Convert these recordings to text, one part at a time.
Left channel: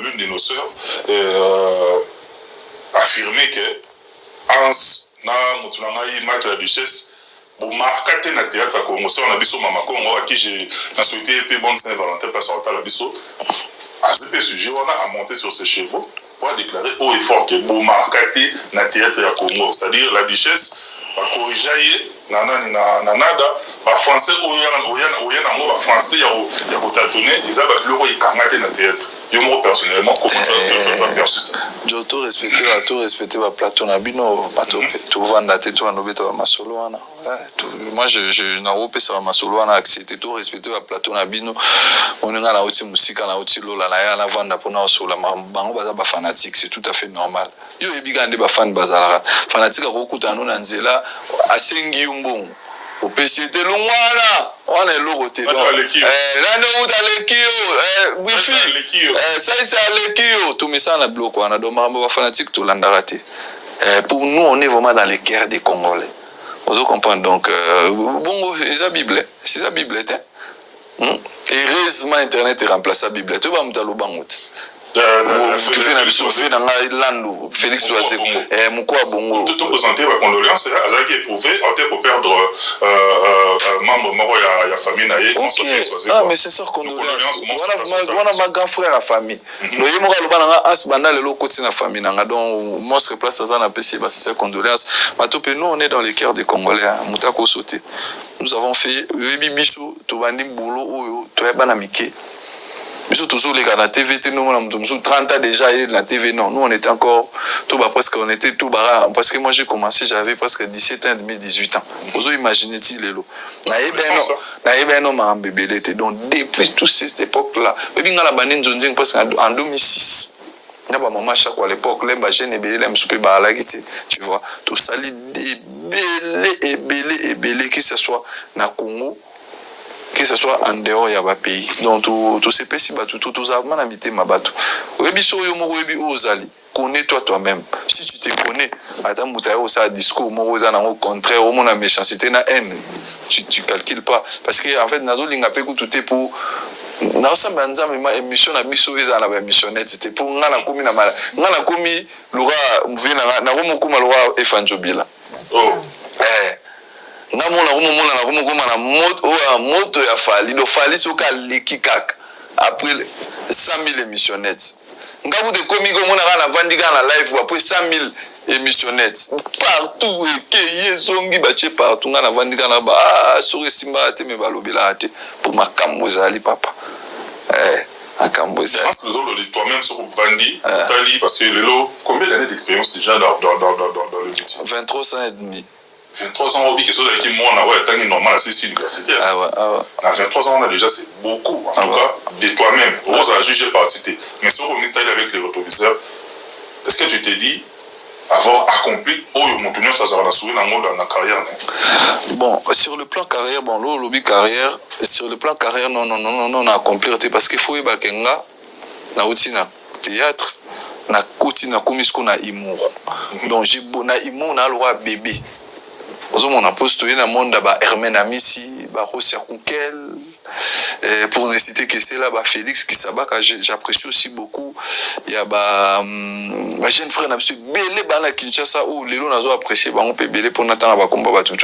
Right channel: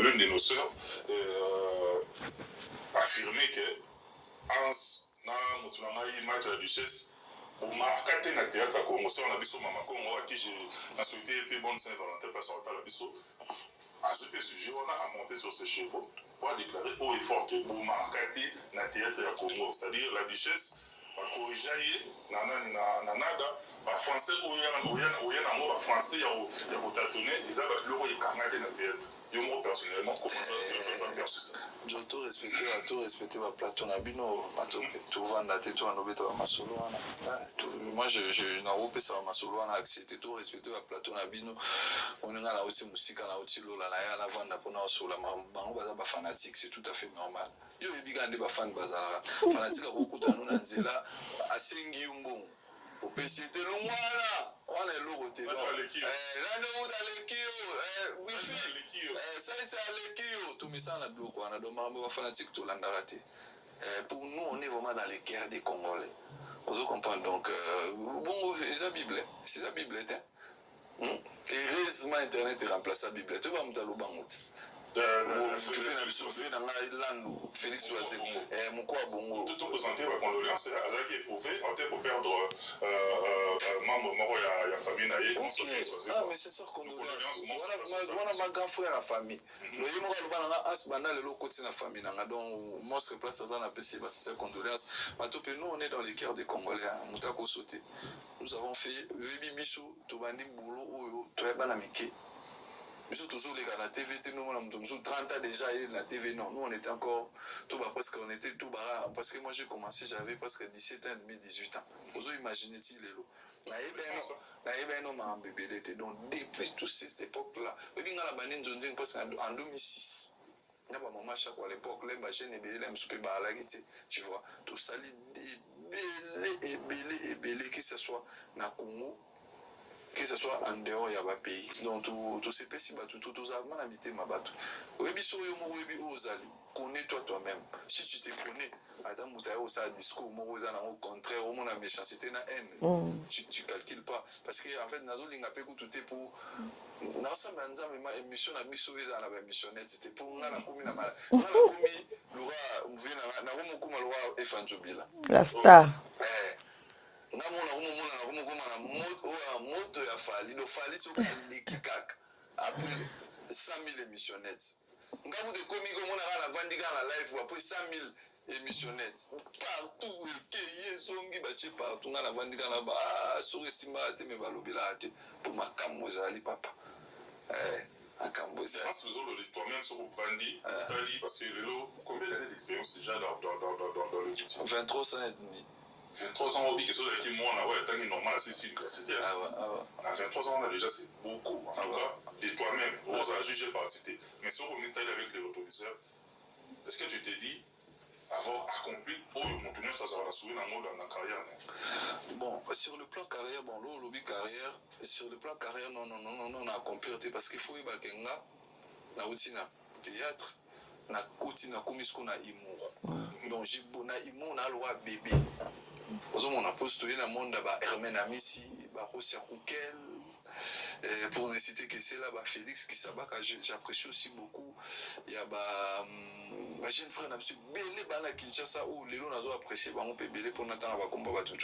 l'une de nos sœurs affirmait que Hans na Moutounangaï, Maître la Duchesse, pour marquer na théâtre à Congo, on a biso Mama Congo, à qui j'ai souhaité épée bonne Saint-Valentin, parce qu'on a biso. À ce sujet, on a monté sur ses chevaux pour déclarer haut et fort que pour marquer na théâtre à Congo, c'est-à-dire la Duchesse, va corriger nanada, va français, ou français, il y a tâtonner, ils avaient le roi, il na théâtre. Moi personnellement, comment tu as perçu ça? Je tout respecter ma plateau nabino, tout vendre tout en obéta ma solo ana. Moi je na opé ça ma solo ana accepter tout respecter ma plateau nabino. On nga na outi musique na outi lola na ya na vendre pour na solo bango baza ba fanatique, c'est tout à fait normal. Yo ebigande ba fan bazala. Fanatique ko kutana na nzela asengi umbongo. Au PCT Longwana, on est l'oroté. Là, nous, dans les kios, wifi, ça, c'est à l'équio. Tout ça, on a bloqué, on a demandé aux fanatiques tout l'andarate. Pour nous, on est vraiment dans les cœurs des Congolais. Vous comprenez donc, bon, c'est la Bible. C'est la Bible, hein? Heureusement, Internet est remplacé la Bible. Tu vas me dire le bangout. Félix Oazé, Moukoua Bongo. Tout présenté ma condoléance, elle a éprouvé, en tant que perdre membre mort à la famille. Ah, mais c'est ça, condoléance. Voilà ma grand frère à famille. Le Yémora Lobana a Asbanda le lot de la famille. Donc, moi, je place à la PC, c'est ça, condoléance. Nous, on est dans les cœurs des Congolais. Moutako sauté. Nous avons fait Webi Bissou, Tobandi Boulot, Toyabanamike. Nous toujours les gars la TV, nous on a 30 ans déjà la TV, non, nous on était encore tout bas presque, on était tout bas parce que moi j'ai commencé, j'avais presque 17 ans et demi, 18 ans. Vous imaginez-il les lots. Donc depuis toute cette époque-là, depuis la banane Zonzing presque en 2006. Il y a ma maman chaque fois à l'époque, les jeunes et belé, tu vois, tout ça les belé que ce soit na Congo. Que ce soit en dehors il y a un pays donc tout ces pays tout a manamité ma bateau rebiso yo mo rebi ozali connais-toi toi-même si tu te connais attends mutayo ça discours mo ozana au contraire au mon méchanceté na haine tu calcules pas parce que en fait nazo linga pe tout est pour na osamba nzambe ma émission na biso ezala ba émissionnette c'était pour ngana komi na mala ngana komi lura mvina na ko mokuma lura efanjobila na moto ya fali do fali soka leki kaka après 100 000 émissionnettes ngabu de komi ko mona kana vandika na live après 100 000 émissionnettes partout que yezongi bache partout ngana vandika na ba sori simba te me balobela te pour makambo zali papa makambo zali toi-même sur Vandi Tali parce que Lelo combien d'années d'expérience déjà dans le métier? 23 ans et demi. 23 ans, quelque chose avec qui moi, on a été normal, c'est universitaire. À 23 ans, on a déjà, c'est beaucoup. En tout cas, de toi-même. Rose a jugé partie. Mais si on est allé avec les rétroviseurs, est-ce que tu t'es dit avoir accompli ça dans la carrière? Bon, sur le plan carrière, bon, le lobby carrière, sur le plan carrière, non, on a accompli parce qu'il faut y avoir na théâtre, na koti na komisko na humour. Donc, j'ai na humour na loi bébé. On a postulé dans le monde de Hermène Amissi, Rossia Koukel, pour ne citer que c'est là, Félix Kisabaka, j'apprécie aussi beaucoup. Il y a ma jeune frère, Belé Bana Kinshasa, où les gens ont apprécié, on peut Belé pour n'attendre à combat tout.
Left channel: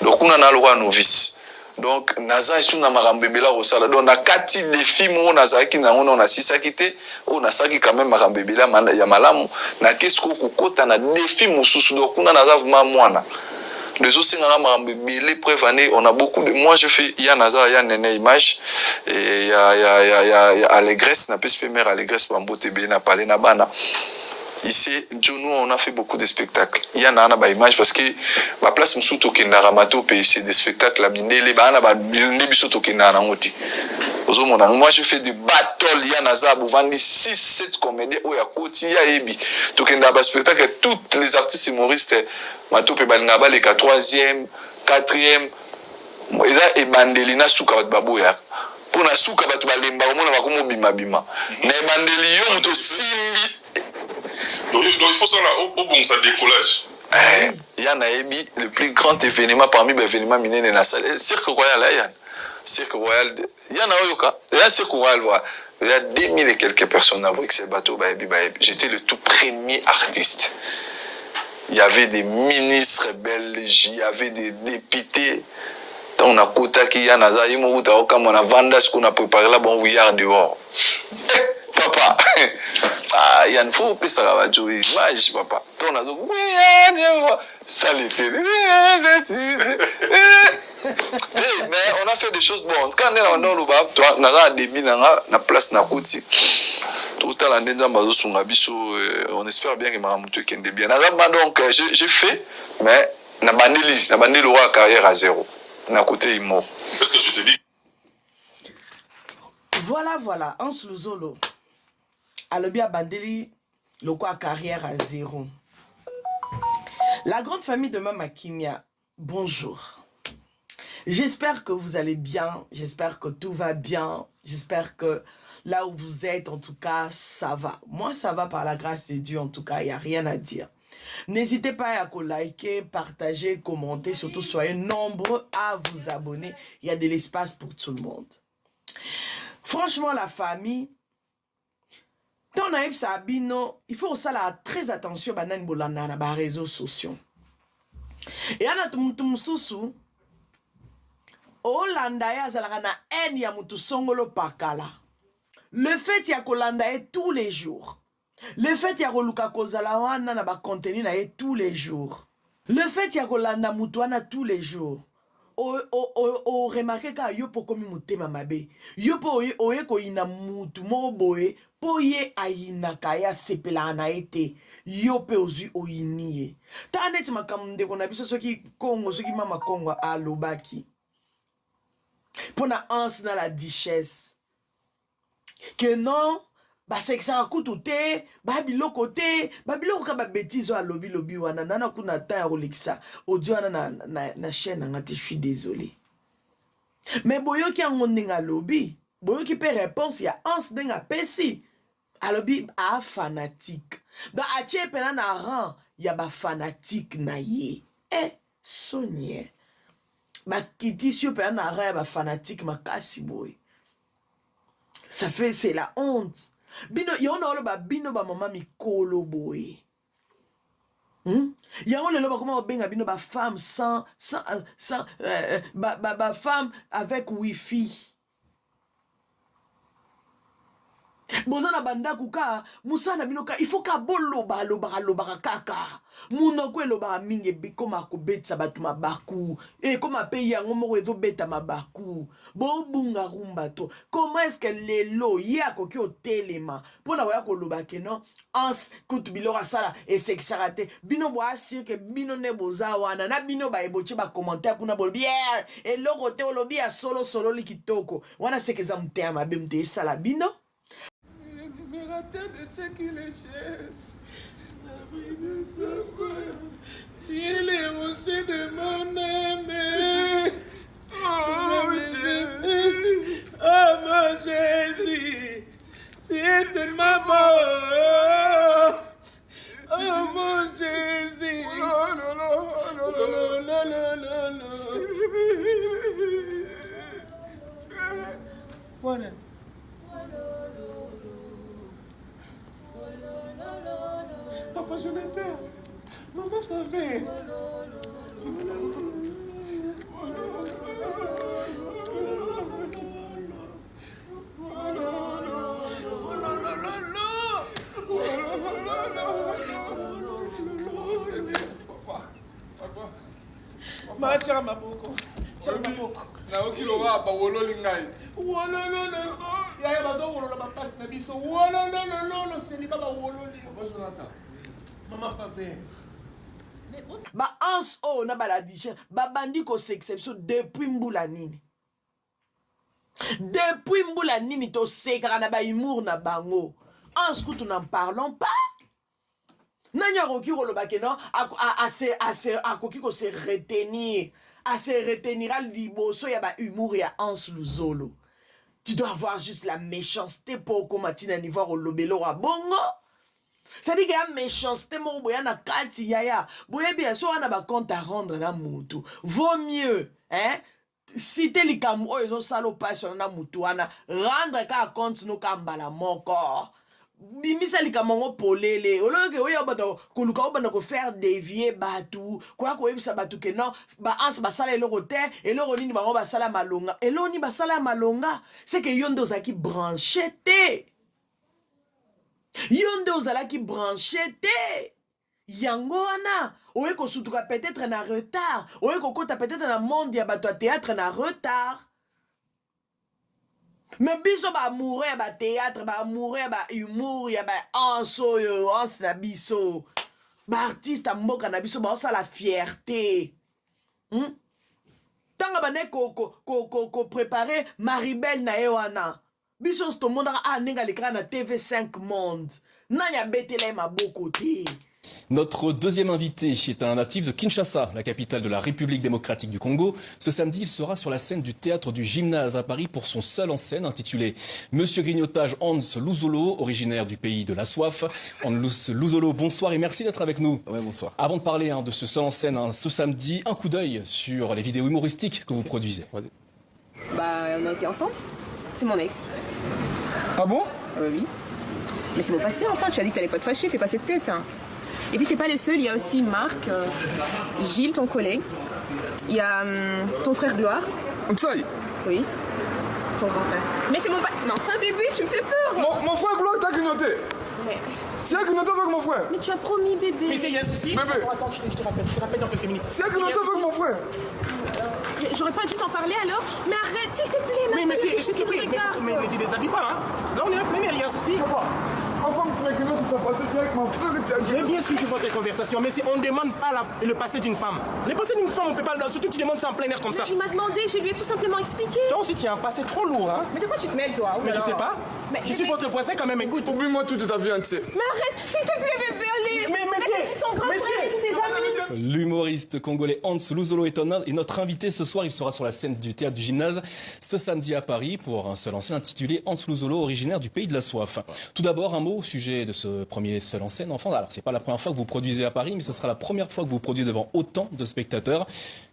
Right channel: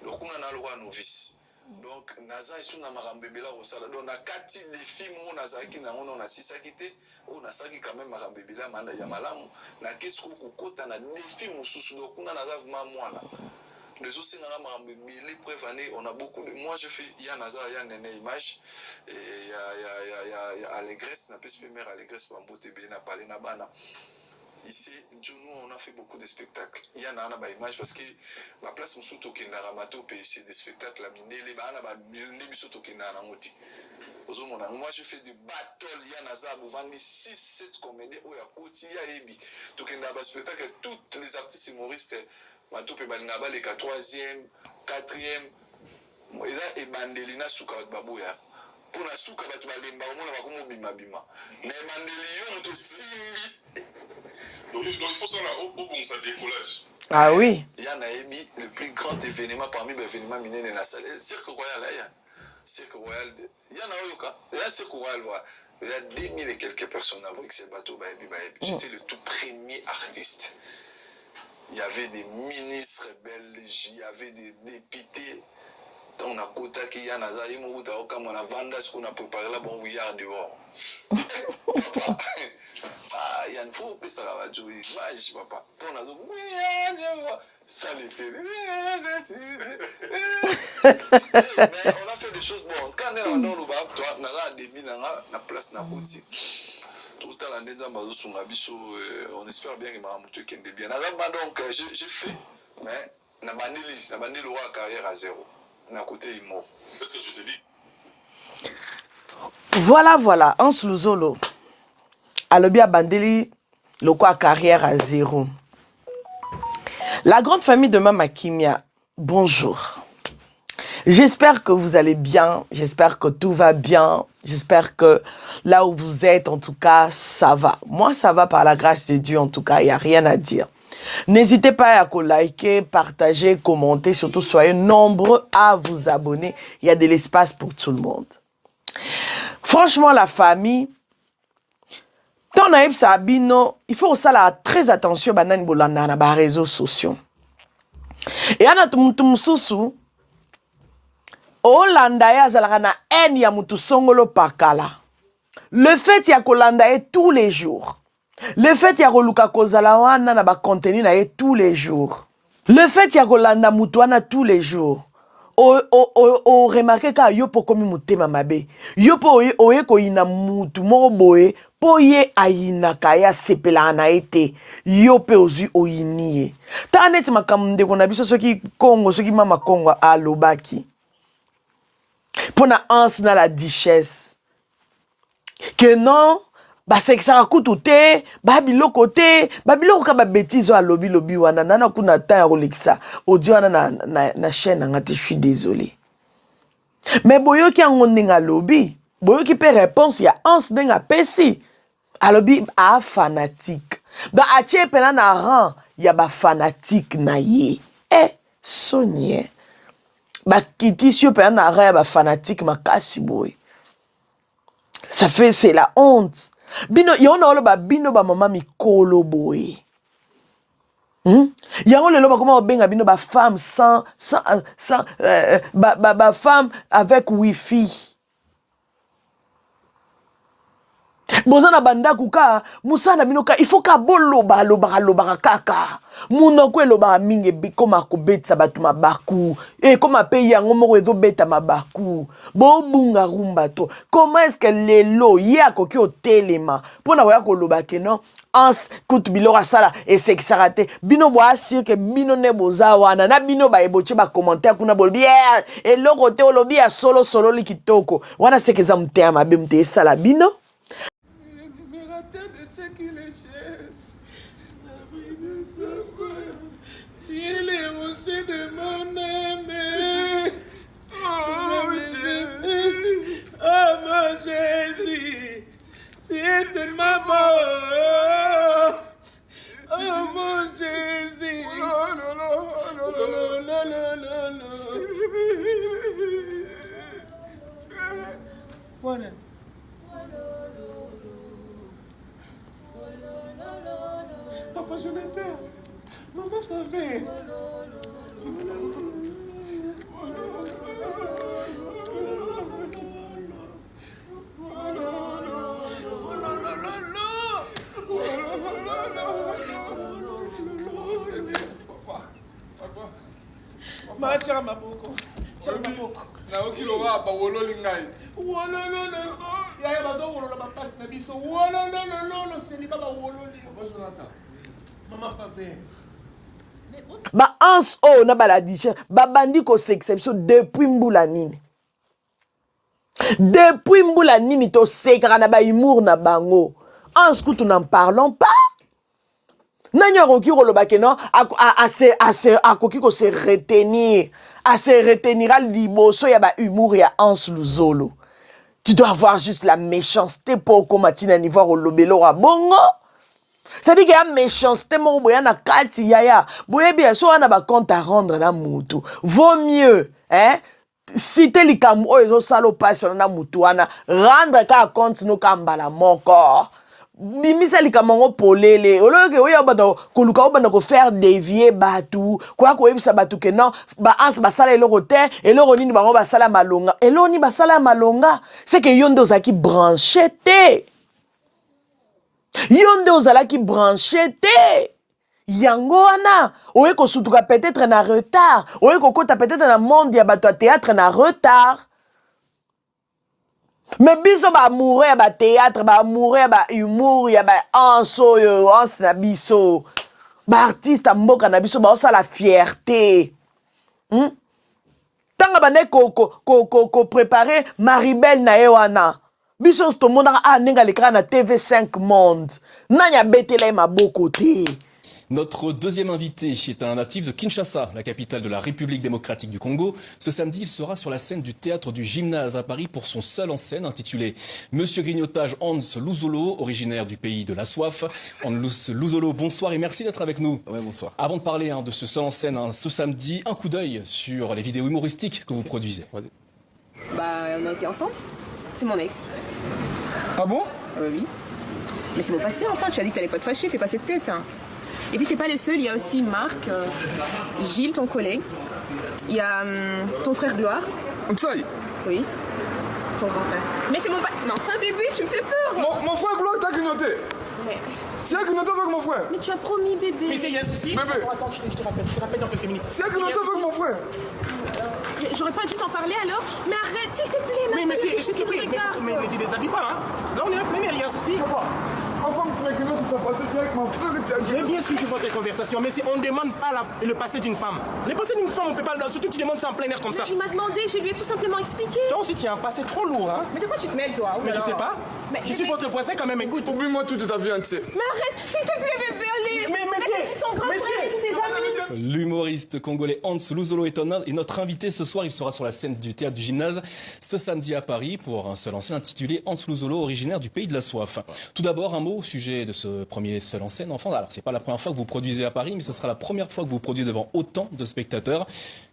Donc on a le droit à novice. Donc, Naza est na marambebela au salon. Donc, on a 4 défis, on a Zaki, on a 6 quitté, on a Saki quand même marambebela, Yamalam, na qu'est-ce qu'on a un défi, donc on a Naza vraiment. Les autres, on a beaucoup de. Moi, je fais. Il y a Nazar, il y a Nene Image, et il y a Allégresse, n'a pas de mère Allégresse, Bambote, Béna, Palé, Nabana. Ici, nous, on a fait beaucoup de spectacles. Il y a Nana, Image, parce que ma place, je suis au Ramato, c'est des spectacles, la bine, les Bana, moi, je fais du battle, il y a Nazar, vous vendez 6-7 comédiens, il y a Koti, il y a Ebi. Donc, il y a un spectacle, tous les artistes humoristes. Matope balingaba les 3e, 4e. Eza e bandeli na suka bat baboya. Pour na suka bat balemba omona bakomo bima bima. Na bandeli yo muto simbi. Donc il faut ça là au bon ça décollage. Ah oui. Il y a Naebi le plus grand événement parmi les événements minés na salle. Cirque Royal là, il y a Cirque Royal. Il y a na oyoka. Il y a Cirque Royal voilà. Il y a 2000 et quelques personnes à Bruxelles. J'étais le tout premier artiste. Il y avait des ministres belges, il y avait des députés. On a quota qui y a naza yimouta comme on a vendu ce qu'on a préparé là bon oui dehors. Papa. Ah, il y a une fois où ça va jouer. Image papa. On a dit oui ça l'était. Mais on a fait des choses bonnes. Quand on est dans le bas, toi naza débit na place na koti. Tout à l'heure, on espère bien que Maramoutou kende bien. Donc j'ai fait mais na bandeli aura carrière à zéro. Na côté il mort. Qu'est-ce que tu te dis? Voilà, Hans Luzolo. Alobi Bandeli, le quoi carrière à zéro. La grande famille de Mama Kimia, bonjour. J'espère que vous allez bien, j'espère que tout va bien, j'espère que là où vous êtes, en tout cas, ça va. Moi, ça va par la grâce de Dieu, en tout cas, il n'y a rien à dire. N'hésitez pas à liker, partager, commenter, surtout soyez nombreux à vous abonner. Il y a de l'espace pour tout le monde. Franchement, la famille, tant naïf Sabino, il faut aussi très attention à les réseaux sociaux. Et à notre sousou, Hollanda ya zalana en ya mutu songolo pakala. Le fait ya kolanda tous les jours. Le fait ya koluka kozala wana na ba contenu na tous les jours. Le fait ya kolanda mutu wana tous les jours. O remarqué ka yopo komi mutema mabe. Yopo oye ko ina mutu mo boye po ye ayina kaya sepela na ete. Yope ozi oyiniye. Ta net makamde kona biso soki Congo soki mama Congo alobaki. Pour na ans na la duchesse. Que non, bah c'est que ça coûte te, bah biloko ka ba bêtise à lobby wana nana kuna ta Rolexa, audio na chaîne ngati je suis désolé. Mais boyo ki ngoninga lobby, boyo ki pe réponse ya ans denga pesi. A lobby a fanatique. Ba atie pena na rang ya ba fanatique na ye. Sonie. Ba kiti sio pena na rang ya ba fanatique makasi boy. Ça fait, c'est la honte. Bino, yon a ba bino ba mama mikolo boy. Yon le ba comment benga bino ba femme sans ba femme avec wifi. Bozana banda kuka musana bino ka il faut ka boloba loba kaka. Muna kwe loba mingi koma kubetsa batu mabaku. Koma pe yango moko ezo beta mabaku. Bo bunga rumba to. Comment est-ce que lelo ya koki o telema pona waya ko loba ke non ans kutu bilora sala et c'est que ça raté. Bino bo asir ke bino ne boza wana na bino ba eboche ba commentaire kuna bol bien et loko te olobi ya solo likitoko. Wana c'est que ça mtea mabe mte sala bino. De ce qui les chasse, la vie de sa femme, tiens les rochers de mon aimé. Oh Jésus, oh mon Jésus, tu es tellement beau. Oh mon Jésus, oh non, non. Voilà. Papa Jonathan, maman Favé. Ma tira maboko. Na okilo wa ba wolo lingai. Wolo no. Ya ya bazo wolo ba passe na biso. Wolo no, c'est ni baba wolo li. Papa Jonathan. Maman Favé. Ba ans o na baladiche ba bandi ko s'exception depuis mbula nini. Depuis mbula nini to sekara na ba humour na bango. Ans kutu n'en parlons pas. Nanya roki roloba ke non a koki ko se retenir. À se retenir à liboso ya ba humour ya Hans Luzolo. Tu dois avoir juste la méchanceté pour commatina niveau au lobelo à bongo. C'est-à-dire qu'il y a méchanceté mon boya na kati yaya. Boya bien so na ba compte à rendre la mutu. Vaut mieux cité likambo oyo ezosala opasi na mutu wana rendre kaka compte no kambala moko bimisa likambo ngo polele oloyoke oyo bato koluka obanda ko faire dévier batu kwa koyebisa batu ke non baanse basala eloko te eloko nini bango basala malonga eloko nini basala malonga c'est que yo nde ozalaki branché te yo nde ozalaki branché te yango wana oye kosutuka peut-être na retard oye kokota peut-être na monde ya bato ya théâtre na retard mais biso baamoureux ya bathéâtre baamoureux ya bahumour ya baanse oyo anse na biso baartiste ya mboka na biso baosala fierté ntango bande koprépare maribel na ye wana biso tomonaka ndenge alekaka na TV5 Monde nani abetela ye maboko te. Notre deuxième invité est un natif de Kinshasa, la capitale de la République démocratique du Congo. Ce samedi, il sera sur la scène du théâtre du Gymnase à Paris pour son seul en scène intitulé Monsieur Grignotage Hans Luzolo, originaire du pays de la soif. Hans Luzolo, bonsoir et merci d'être avec nous. Ouais, bonsoir. Avant de parler de ce seul en scène ce samedi, un coup d'œil sur les vidéos humoristiques que vous produisez. Bah, on a été ensemble. C'est mon ex. Ah bon? Oui. Mais c'est mon passé, enfin. Tu as dit que t'allais pas te fâcher, fais pas cette tête. Hein. Et puis c'est pas les seuls, il y a aussi Marc, Gilles, ton collègue. Il y a ton frère Gloire. Ça y est. Oui. Ton grand frère. Mais c'est mon pas. Non, enfin bébé, tu me fais peur. Mon frère Gloire t'a grignoté. Mais... C'est elle qui grignoté avec mon frère. Mais tu as promis bébé. Mais il y a un souci. Bébé. Attends, je te rappelle dans quelques minutes. C'est elle qui grignoté avec mon frère. J'aurais pas dû t'en parler alors. Mais arrête, s'il te plaît. Mais s'il te plaît, mais ne déshabille pas. Hein. Là on est mais il y a un souci. Papa, enfin tu m'as grignoté, ça passé, c'est avec mon frère et tu as dit. J'ai bien suivi votre conversation, mais on ne demande pas le passé d'une femme. Le passé d'une femme, on peut pas. Surtout tu demandes ça en plein air comme ça. Il m'a demandé, je lui ai tout simplement expliqué. Toi aussi tu as un passé trop lourd, hein. Mais de quoi tu te mêles toi? Mais je sais pas. Mais je suis votre voisin quand même, écoute. Oublie-moi toute ta vie entière. Mais arrête, s'il te plaît bébé, allez. Mais c'est ton grand frère et tous tes amis. L'humoriste congolais Hans Luzolo est notre invité ce soir. Il sera sur la scène du théâtre du Gymnase ce samedi à Paris pour un seul en scène intitulé Hans Luzolo, originaire du pays de la soif. Tout d'abord, un mot au sujet de ce premier seul en scène. Enfin, alors c'est pas la première fois que vous produisez à Paris, mais ce sera la première fois que vous produisez devant autant de spectateurs.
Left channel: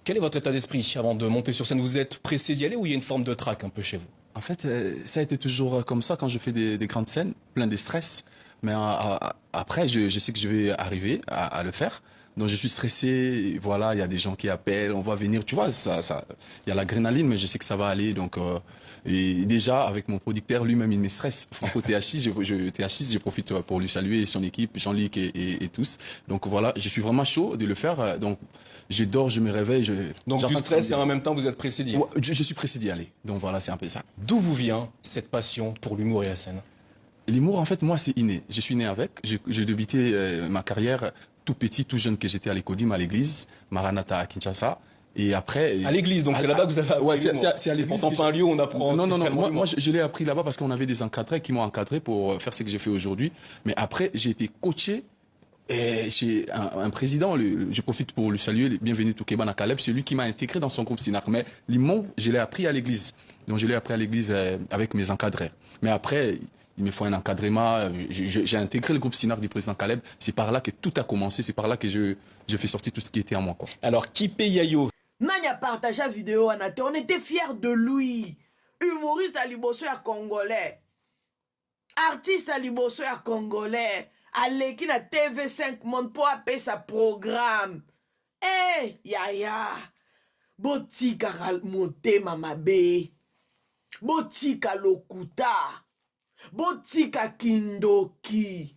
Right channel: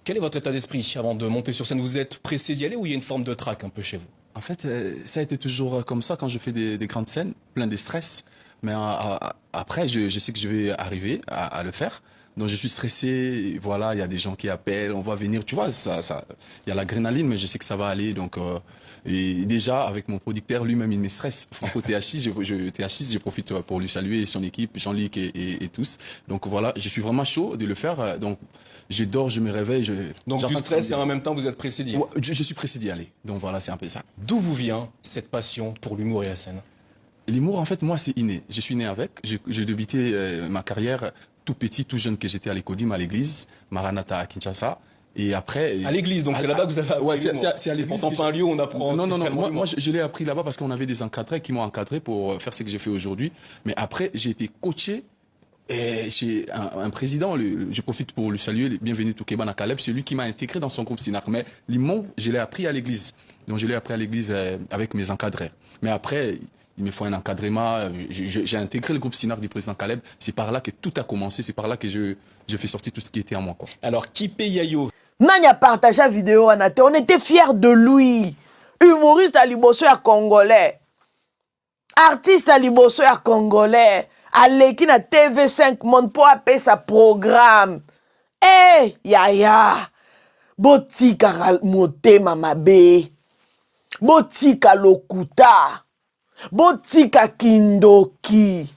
Quel est votre état d'esprit avant de monter sur scène? Vous êtes pressé d'y aller ou il y a une forme de trac un peu chez vous? En fait, ça a été toujours comme ça quand je fais des grandes scènes, plein de stress. Mais après, je sais que je vais arriver à le faire. Donc je suis stressé, voilà, il y a des gens qui appellent, on va venir, tu vois, il y a l'adrénaline, mais je sais que ça va aller. Donc, et déjà, avec mon producteur, lui-même, il me stresse. Franco THX, je profite pour lui saluer son équipe, Jean-Luc et tous. Donc voilà, je suis vraiment chaud de le faire. Donc je dors, je me réveille. Donc du stress et en même temps, vous êtes pressé d'y aller. Ouais, je suis pressé d'y aller. Donc voilà, c'est un peu ça. D'où vous vient cette passion pour l'humour et la scène? L'humour, en fait, moi, c'est inné. Je suis né avec. J'ai débuté ma carrière tout petit, tout jeune, que j'étais à l'Écodim, à l'église, Maranatha à Kinshasa. Et après... À l'église, donc c'est là-bas que vous avez appris. Ouais, c'est à l'église. C'est pourtant pas un lieu où on apprend. Non, moi je l'ai appris là-bas parce qu'on avait des encadrés qui m'ont encadré pour faire ce que j'ai fait aujourd'hui. Mais après, j'ai été coaché chez un président, je profite pour lui saluer, bienvenue Toukeba Nakaleb, c'est lui qui m'a intégré dans son groupe Sinak. Mais l'humour, je l'ai appris à l'église. Donc je l'ai appris à l'église avec mes encadrés. Mais après... il me faut un encadrement. J'ai intégré le groupe Sinar du président Caleb. C'est par là que tout a commencé. C'est par là que je fais sortir tout ce qui était en moi, quoi. Alors, Kipe Yayo. Nani a partagé la vidéo, Anate. On était fiers de lui. Humoriste à Liboso à Congolais. Artiste à Liboso à Congolais. Aleki na TV5 Monde pour appeler sa programme. Eh, yaya. Botika motema mabe. Botika lokuta. Botika kindoki.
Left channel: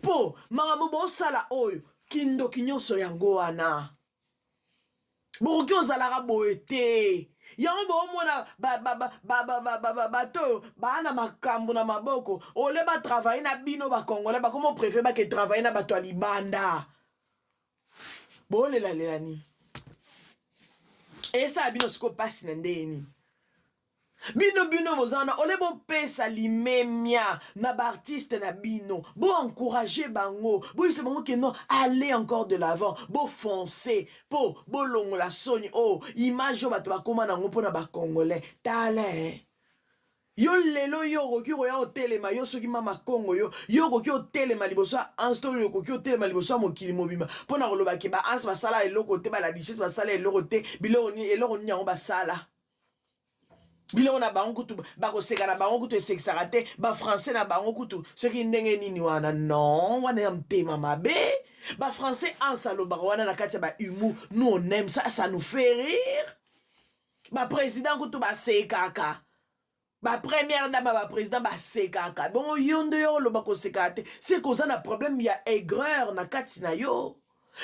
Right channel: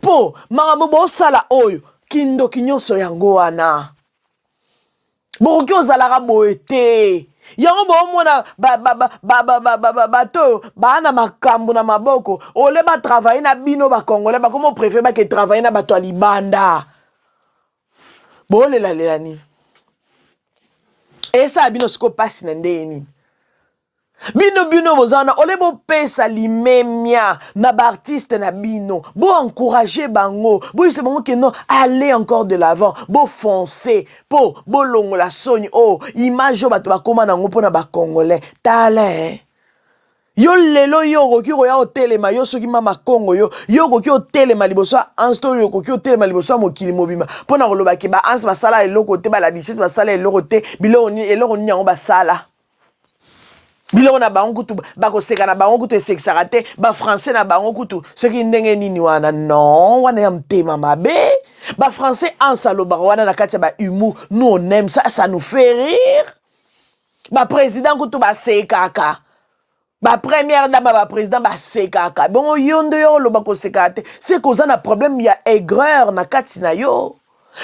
Po, makambo bosala oyo, kindoki nyonso yango wana. Bokoki ozalaka boye te. Yango bomona bato bana makambo na maboko. Ole ba travailler na bino ba Congolais ba komo préfère ba ke travailler na bato libanda. Bolela lelani. Esa bino siko passe na ndeni. Bino bozana ole bo pesa limemia na ba artiste na bino bo encourager bango bo se bango que non aller encore de l'avant bo foncer po bo longola soni oh image bato ba koma nango pona ba Congolais tale Yo lelo yo koki ko ya hotelema yo soki mama Kongo yo koki hotelema liboso ansto yo koki hotelema liboso mokili mobima pona koloba ke ba ans basala eloko te ba la richesse basala eloko te biloko ni yango basala biloko na bango kutu bakoseka na bango kutu esekisaka te ba français na bango kutu soki ndenge nini wana non wana ya mtema mabe ba français ansa lobaka wana na kati ya ba humour nous on aime ça, ça nous fait rire ba président kutu basekaka ba première dame ba président ba sekaka bon yondo yo loba ko sekate c'est cause na problème ya aigreur na kati na yo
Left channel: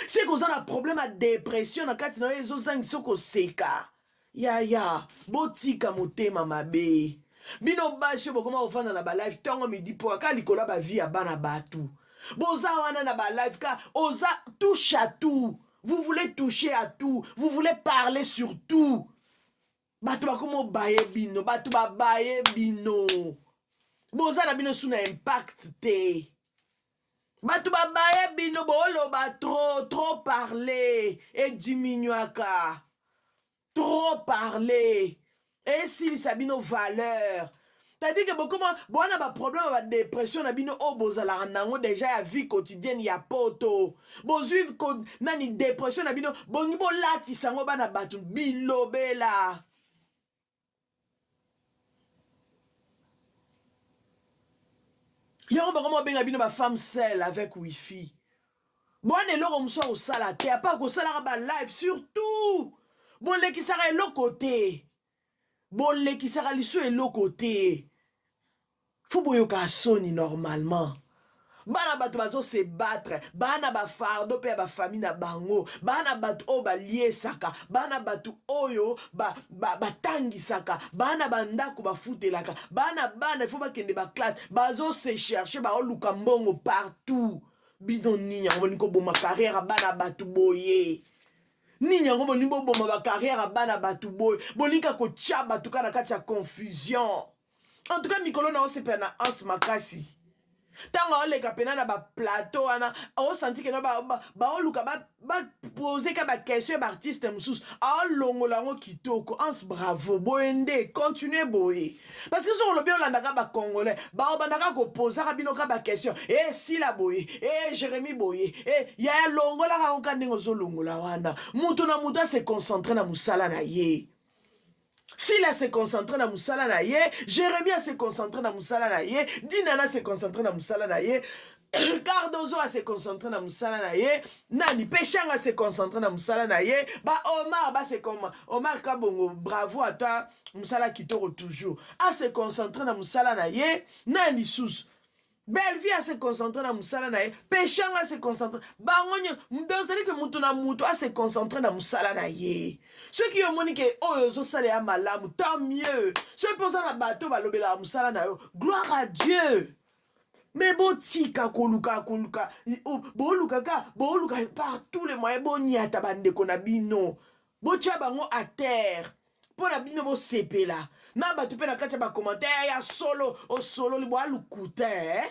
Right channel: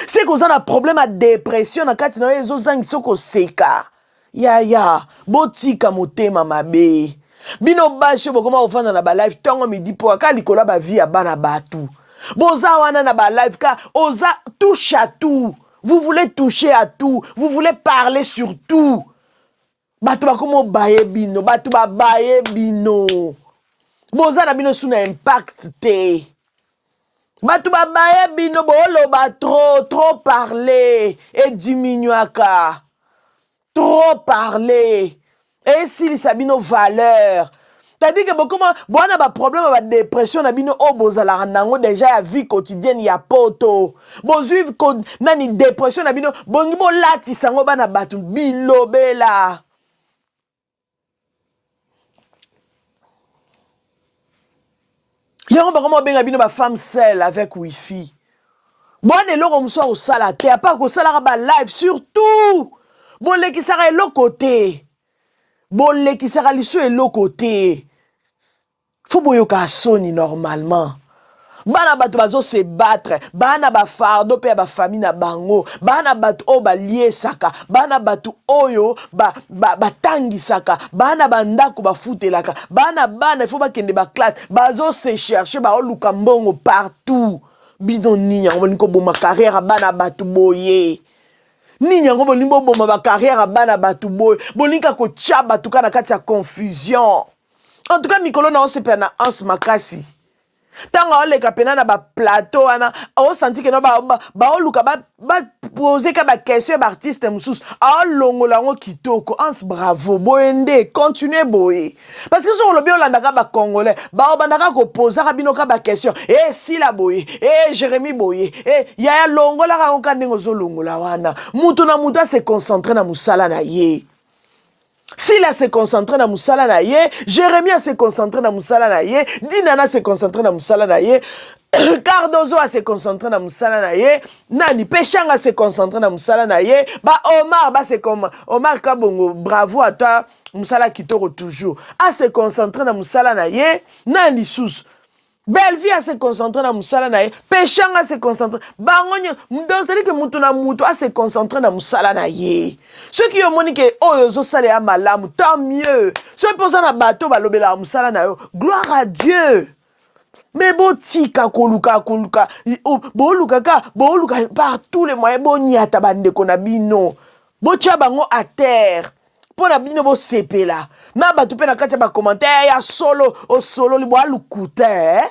c'est cause na problème à dépression na kati na yo ezozangi soko seka ya botika motema mabe bino bashe bokoma ofanda na ba live tongo midi po aka likola ba vie ya bana batu boza wana na ba live ka oza touche à tout vous voulez toucher à tout vous voulez parler sur tout Batu bakomo baye bino, batu ba baye bino. Boza na bino suna impact te. Batu ba baye bino bolo ba trop parler et diminuaka. Trop parler. Et si sabino valeur. T'as-dit que beaucoup bona ba problème ba dépression na bino o bozala nango déjà ya vie quotidienne ya poto. Bozuive ko nani dépression na bino bongi bo lati sango bana batu bilobela. Yango bakoma benga bino ba femme seule avec wifi. Bon eloko mso au sala te à part ko sala ba live surtout. Bon lekisaka eloko te. Bon lekisaka liso eloko te. Faut boyoka soni normalement. Bana batu bazo se battre, bana ba fardo pe ba famille na bango, bana batu o ba liesaka, bana batu oyo ba tangisaka, bana bandako ba futelaka, bana il faut ba kende ba classe, bazo se chercher ba oluka mbongo partout. Bidoni yango niko boma carrière bana batu boye. Ni yango bolimbo boma ba carrière bana batu boye. Bolinka ko tchaba tuka na kati ya confusion. En tout cas Mikolo na on se pena ans makasi. Tango oleka pena na ba plateau ana o senti que no ba oluka ba poser ka ba question ba artiste mususu a longola ngo kitoko ans bravo boende continuez boye parce que sur le bio landa ka ba congolais ba bandaka ko poser ka bino ka ba question si la boye Jérémy boye ya longola ka ngo ndingo zo longola wana mutu na mutu se concentrer na musala na ye. S'il a se concentré dans Moussala Naye, Jérémie a se concentré dans Moussala Naye, Dinana se concentré dans Moussala Naye, Cardozo a se concentré dans Moussala Naye, Nani Péchang a se concentré dans Moussala Naye, bah Omar, bah c'est comme Omar Kabongo, bravo à toi, Moussala Kitoro toujours, a se concentré dans Moussala Naye, Nani Sous. Belle-vie a se concentré dans Moussala Naye, Péchang a se concentré, Bangonyo, c'est-à-dire que Moutuna Moutou a se concentré dans Moussala Naye. Ceux qui ont monique, oh, yo salé à malam, tant mieux. Ceux qui posent un bateau, balobela Moussala Naye, gloire à Dieu. Mais bon, tika koluka, boluka par tous les moyens, bon, nyata bande konabino, bon, tia bango à terre. Pour la bino bo sepe là. Na batu pe na katia ba commentaire ya solo o solo li bo alukuta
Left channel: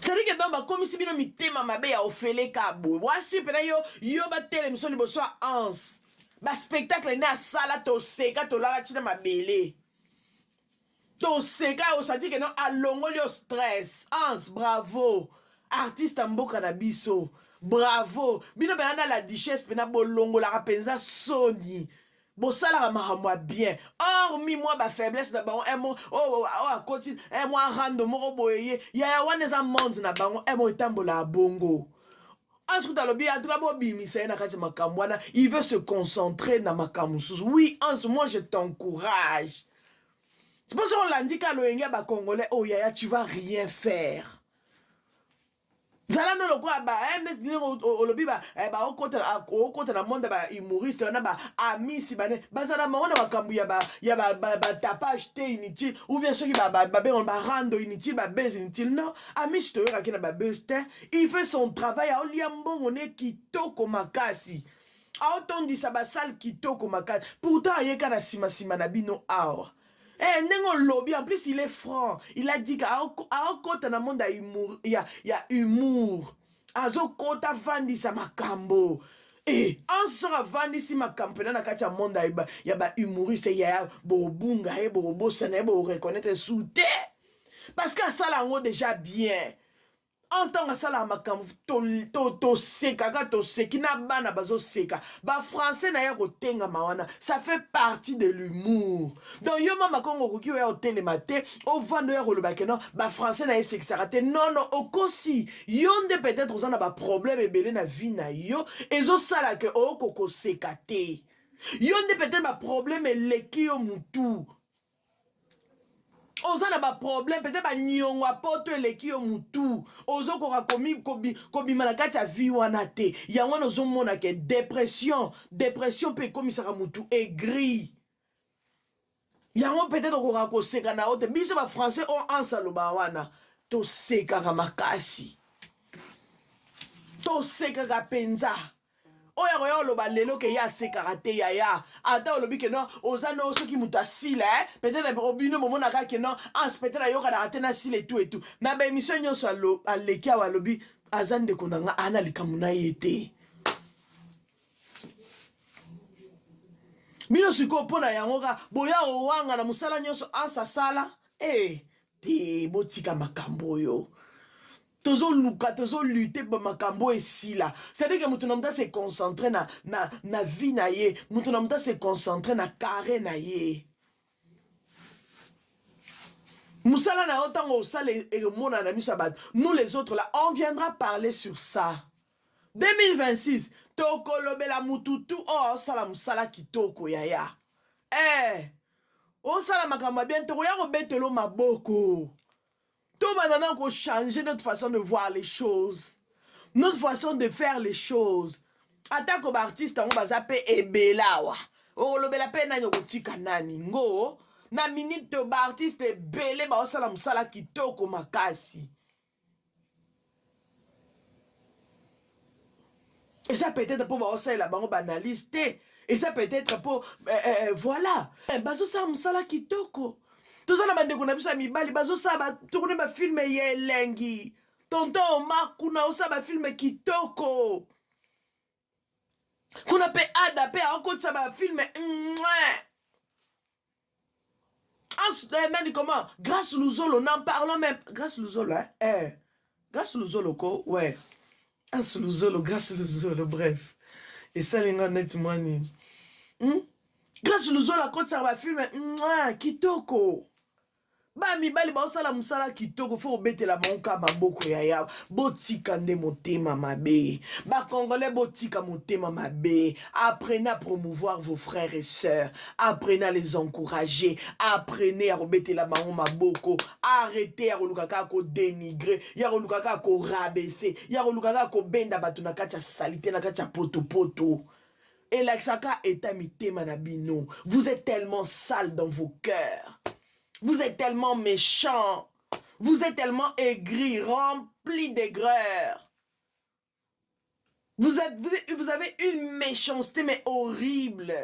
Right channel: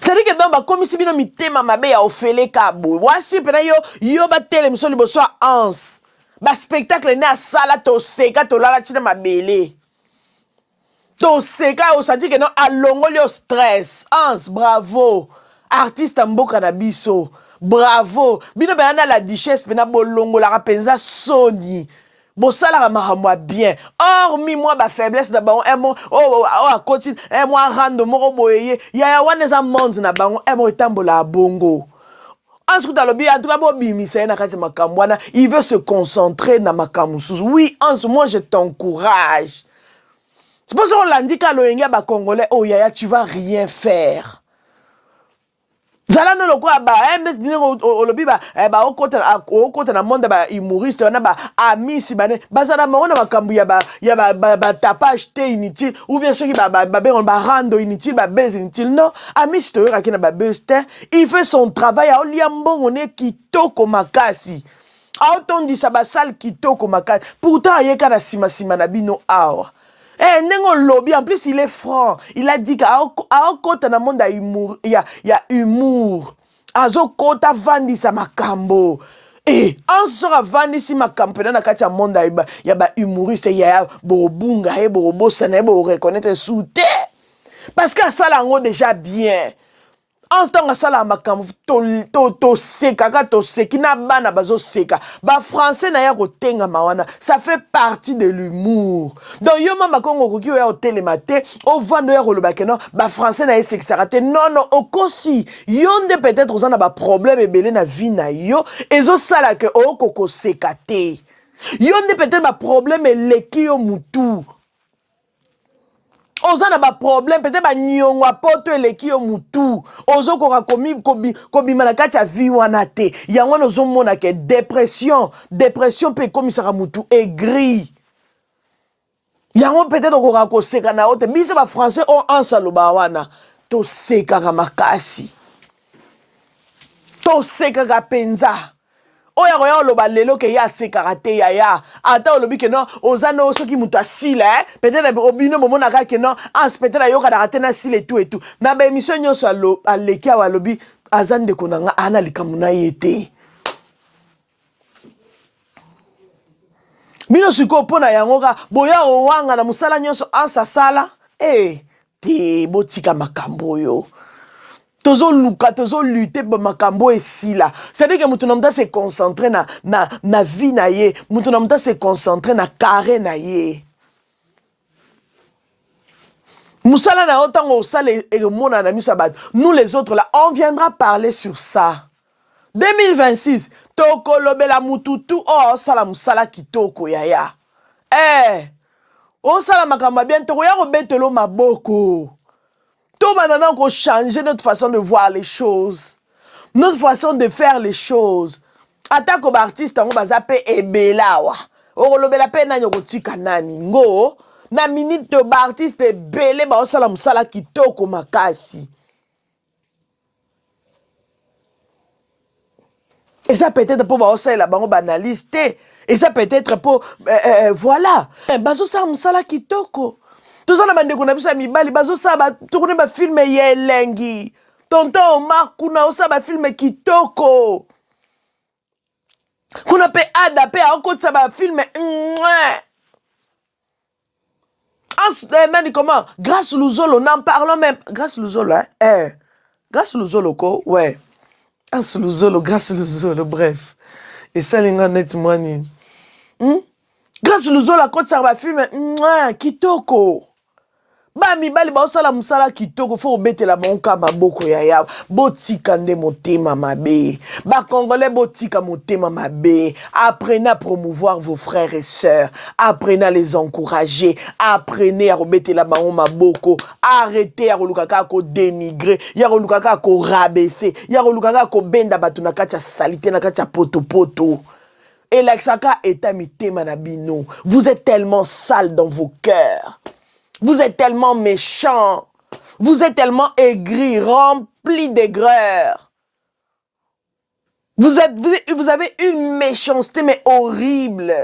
C'est-à-dire que dans ba komisi bino mitema mabe ya ofele kabo. Wasi pe na yo ba tele miso li bo so ans. Ba spectacle na sala to seka to lala china mabele. To seka o senti que non alongo li o stress. Ans bravo. Artiste mboka na biso. Bravo. Bino bana la duchesse pena bolongo la rapenza soni. Bo sala mahamwa bien. Hormis moi ba faiblesse na bango emo continue moi rando moko boyeye ya waneza monde na bango emo etambola bongo. Ensuite dans le bien en tout cas bo bimisa na kati makambwana, il veut se concentrer na makamusu. Oui, moi je t'encourage. C'est pour ça qu'on l'a dit quand l'Oyenga ba congolais oh yaya tu vas rien faire. Zala no loko ba olobi ba okota na monde ba humoriste na ba amisi bane bazala mona makambu ya ba tapage te inutile ou bien ceux qui ba rando inutile ba base inutile non amisi to yaka na ba base te il fait son travail a oliambongo ne kitoko makasi a otondi sa ba sale kitoko makasi pourtant ayeka na sima na bino awa. Nengo lobby, en plus il est franc. Il a dit qu'à côté dans le monde il y a humour. Azo kota vandi sa makambo. Eh, en sera vandi si ma campagne na kati ya monde ya ba humoriste ya bobunga e bobosa na bo reconnaître souté. Parce que ça là déjà bien. En tant que ça là makambo to seka ka to seki na bana bazo seka. Ba français na ya ko tenga mawana, ça fait partie de l'humour. Donc yo mama kongo ko kiyo ya hotel matin, au vando ya ko lobake non, ba français na seki sarate. Non non, okosi yonde peut-être ozana ba problème ebele na vie na yo, ezo sala ke okoko sekate. Yonde peut-être ba problème eleki yo mutu. Oza na ba problème peut-être ba nyongwa poto eleki yo mutu ozo ko kobi manakati ya vie wana te yango nozo mona ke dépression pe komisaka mutu aigri yango peut-être ko seka na ote biso ba français on ansaloba wana to seka ka makasi to seka ka penza oya koya oloba lelo ke ya sekaka te ya ata olobi ke non ozana soki mutu asila peut-être obino momona ka ke non peut-être yoka na te na sile et tout na ba émission nyonso aleki awa alobi azande konanga ana likamu na yete bino siko pona yango ka boya owanga na musala nyonso ansa sala te botika makambo yo tozo lutter pour makambo esila. C'est-à-dire que mutu namta se concentrer na vie na ye, mutu namta se concentrer na carré na ye. Musala na otango osale et mona na misabat. Nous les autres là, on viendra parler sur ça. 2026, toko lobela mututu oh sala musala kitoko yaya. O sala makamba bien toko ya robetelo maboko. Tout maintenant qu'on change notre façon de voir les choses, notre façon de faire les choses. Attaque aux artistes, on va zapper et belawa. On va la peine à yokotika nani. Ngo, na minute de artiste et belé ba osalam sala kitoko makasi. Et ça peut-être pour ba osala la bango banaliste. Et ça peut-être pour voilà. Bazo salam sala kitoko. Tout ça, na ko na bisa mibali bazo saba tourner ba film yelengi. Tonton Omar kuna osaba film kitoko. Kuna pe ada pe akotsa ba film même comment grâce Luzolo n'en parlons même grâce Luzolo grâce Luzolo ko ouais grâce Luzolo bref et ça linga net money grâce Luzolo akotsa ba film kitoko. Ba mibali ba osala musala kitoko fo obetela bonka maboko ya botika nde motema mabe ba congolais botika motema mabe apprenez à promouvoir vos frères et sœurs apprenez à les encourager apprenez à obetela bango maboko arrêtez à kolukaka ko dénigrer ya kolukaka ko rabaisser ya kolukaka ko benda batu na kati ya salité na kati ya poto et l'axaka eta mitema na bino vous êtes tellement sale dans vos cœurs. Vous êtes tellement méchants. Vous êtes tellement aigris, remplis d'aigreur. Vous avez une méchanceté, mais horrible.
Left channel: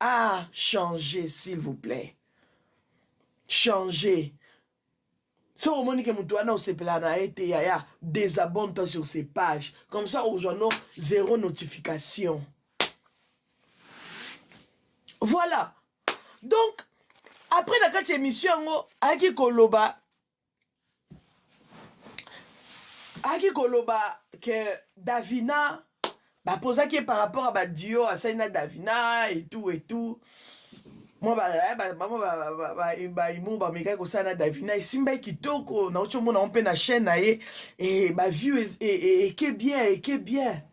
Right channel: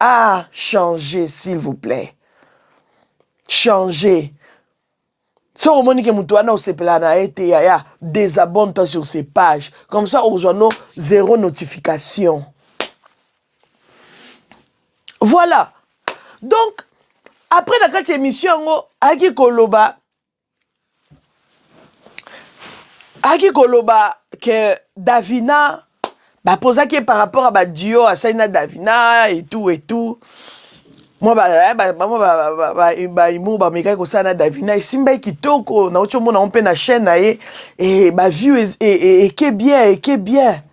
Ah, changez, s'il vous plaît. Changez. Si on monique Moutouana, désabonne-toi sur ces pages. Comme ça, on a zéro notification. Voilà. Donc, après la quatre émission, Aki Koloba que Davina bah posa qui par rapport à ba duo à Saina Davina et tout. Moi imu ba meka ko sana Davina simba kitoko na ocho mona on pe na chaîne et ba view et que bien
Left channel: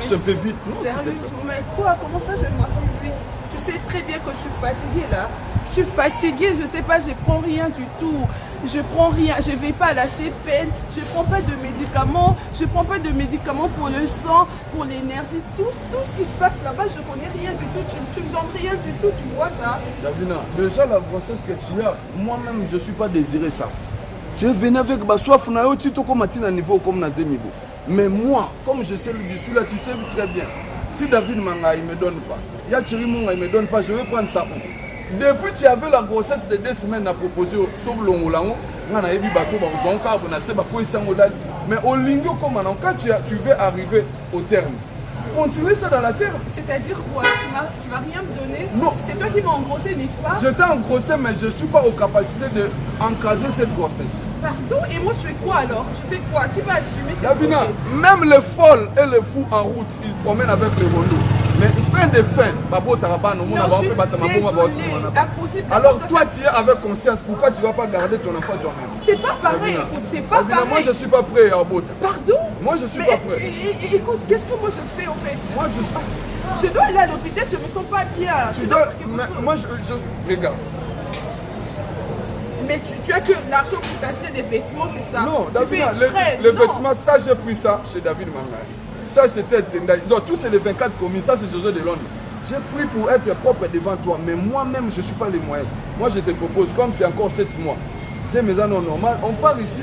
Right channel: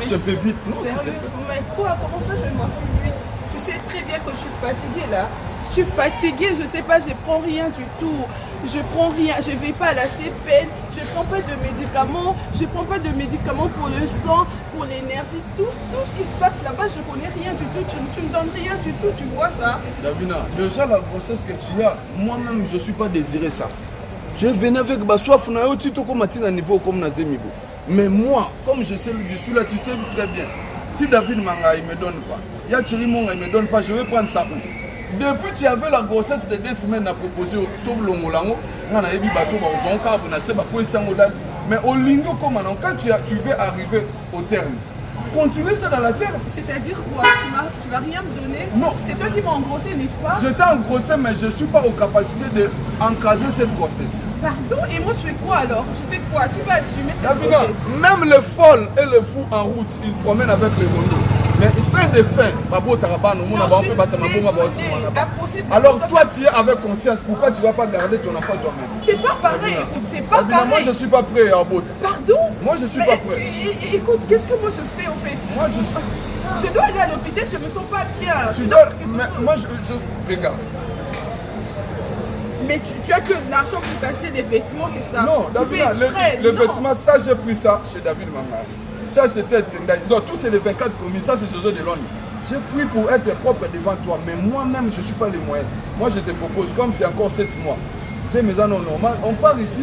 C'est un peu vite, non? Sérieux, mais quoi? Comment ça je marche vite? Tu sais très bien que je suis fatiguée là. Je suis fatiguée, je sais pas, je prends rien du tout. Je prends rien, je vais pas à la CPN, je prends pas de médicaments, pour le sang, pour l'énergie, tout ce qui se passe là-bas, je connais rien du tout. Tu me donnes rien du tout, tu vois ça? Davina, déjà la grossesse que tu as, moi-même je suis pas désiré ça. Je venais avec ma soif, tu comme à niveau comme na niveau. Mais moi, comme je sais, je suis là, tu sais très bien. Si David Manga il me donne pas, Yachiri Monga il me donne pas, je vais prendre ça. Depuis tu avais la grossesse de 2 semaines à proposer au Toblongolango, on a eu bateau, on a eu Mais au lingo comme maintenant, quand tu veux arriver au terme, continue ça dans la terre. C'est-à-dire quoi? Tu vas rien me donner? Non. C'est toi qui m'as engrossé, n'est-ce pas? Je t'ai engrossé, mais je ne suis pas aux capacités d'encadrer cette grossesse. Pardon? Et moi, je fais quoi alors? Je fais quoi? Qui va assumer cette Davina, grossesse? même les folles et les fous en route, ils promènent avec les rondeaux. Mais fin de fin, alors toi tu es avec conscience, pourquoi tu ne vas pas garder ton enfant toi-même? C'est pas pareil, écoute, c'est pas pareil. Moi je ne suis pas prêt à Bota. Pardon? Moi je ne suis pas prêt. Écoute, qu'est-ce que moi je fais en fait? Moi je dois aller à l'hôpital, je ne me sens pas bien. Tu dois, mais moi je regarde. Mais tu as que l'argent pour t'acheter des vêtements, c'est ça? Non, Davina, les vêtements, ça j'ai pris ça chez David Manga. Ça c'était, donc tous c'est les 24 commis, ça c'est José de Londres. J'ai pris pour être propre devant toi, mais moi-même je ne suis pas les moyens. Moi je te propose, comme c'est encore 7 mois, c'est mes années normales, on part ici,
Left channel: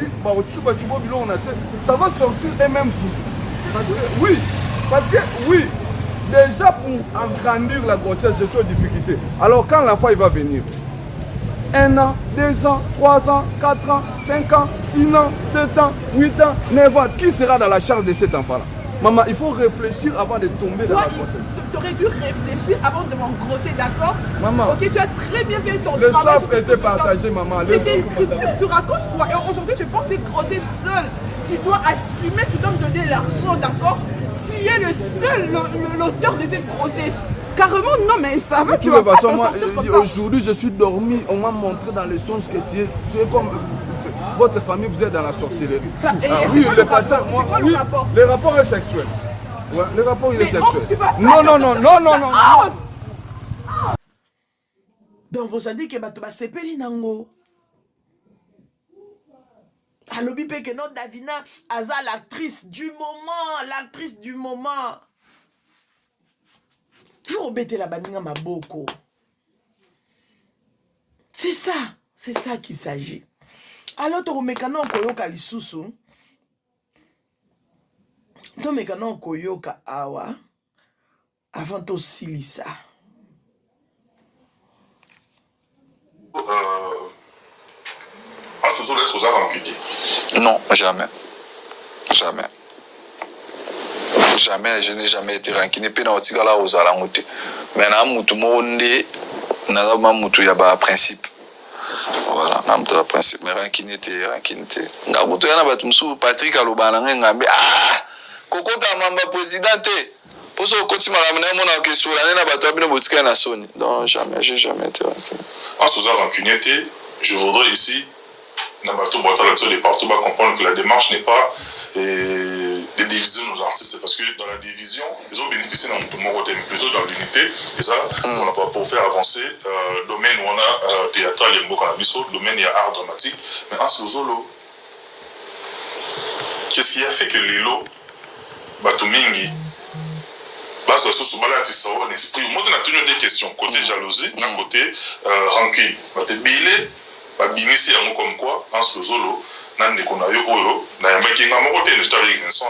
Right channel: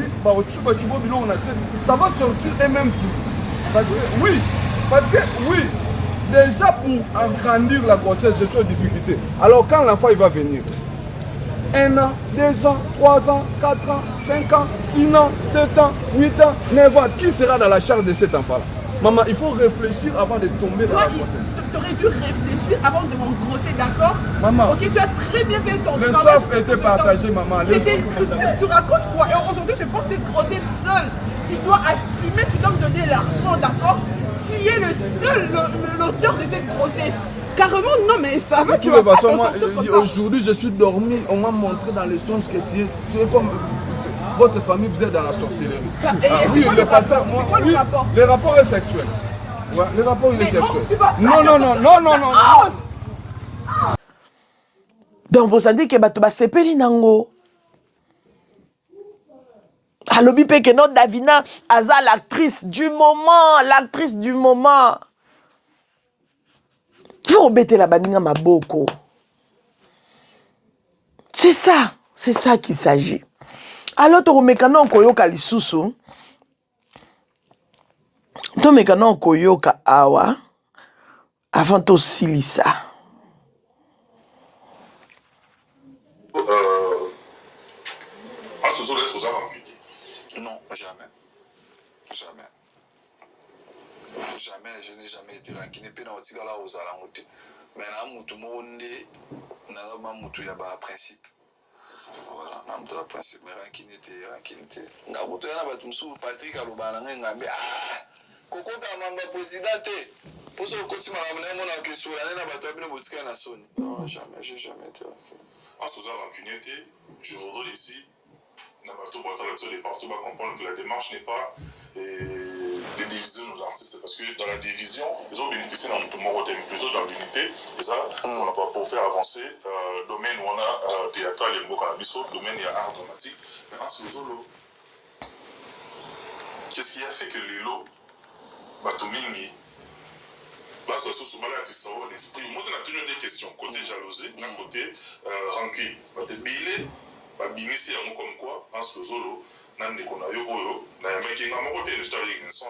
ça va sortir et même plus. Parce que oui, déjà pour agrandir la grossesse, je suis en difficulté. Alors quand l'enfant il va venir, 1 an, 2 ans, 3 ans, 4 ans, 5 ans, 6 ans, 7 ans, 8 ans, 9 ans, qui sera dans la charge de cet enfant-là? Maman, il faut réfléchir avant de tomber dans la grossesse. Tu aurais dû réfléchir avant de m'engrosser, d'accord? Maman, ok, tu as très bien fait ton travail. Le soif était partagé, maman. Tu racontes quoi? Et aujourd'hui, je pense que grosser seul. Tu dois assumer, tu dois me donner l'argent, d'accord? Tu es le seul, l'auteur de cette grossesse. Carrément, non, mais ça va, tu vas pas t'en sortir comme ça. Aujourd'hui, je suis dormi, on m'a montré dans les songes que tu es comme... Votre famille, vous êtes dans la sorcellerie. Oui, le rapport? Le rapport est sexuel. Ouais, le rapport il est sexuel. Non. Donc, vous savez que bato ba sepeli nango. Alobi pe que non Davina aza l'actrice du moment. Faut embêter la baninga maboko. C'est ça qu'il s'agit. Alors, tu mekana koyoka lisusu. Tu mekana koyoka awa avant to silisa. Est-ce que vous avez rancunier? Non, jamais. Jamais, je n'ai jamais été rancunier. Puis, on tigala aux alangote. Mais na mutu monde, na ma mutu yaba principe. Voilà, na mutu la principe. Mais rancunier. Nga mutu yana batumsu Patrick alobana ngambe kokota mamba présidente. Pour ce côté maramena mona question la na bato abino botika na soni. Non, jamais, j'ai jamais été rancunier. En ce genre rancunier, je voudrais ici Nabato de partout comprendre que la démarche n'est pas de diviser nos artistes, parce que dans la division, ils ont bénéficié dans mon côté, mais plutôt dans l'unité, et ça, on a pas pour faire avancer le domaine où on a théâtral, il y a beaucoup de domaine, il y a art dramatique, mais en ce solo, qu'est-ce qui a fait que Lilo, Batumingi, base de ce balade, ça a un esprit. Moi, on a tenu des questions, côté jalousie, côté rancune. Babimisi yango comme quoi en ce zolo nan de konayo oyo na yambaki nga moko te ne stari Vincent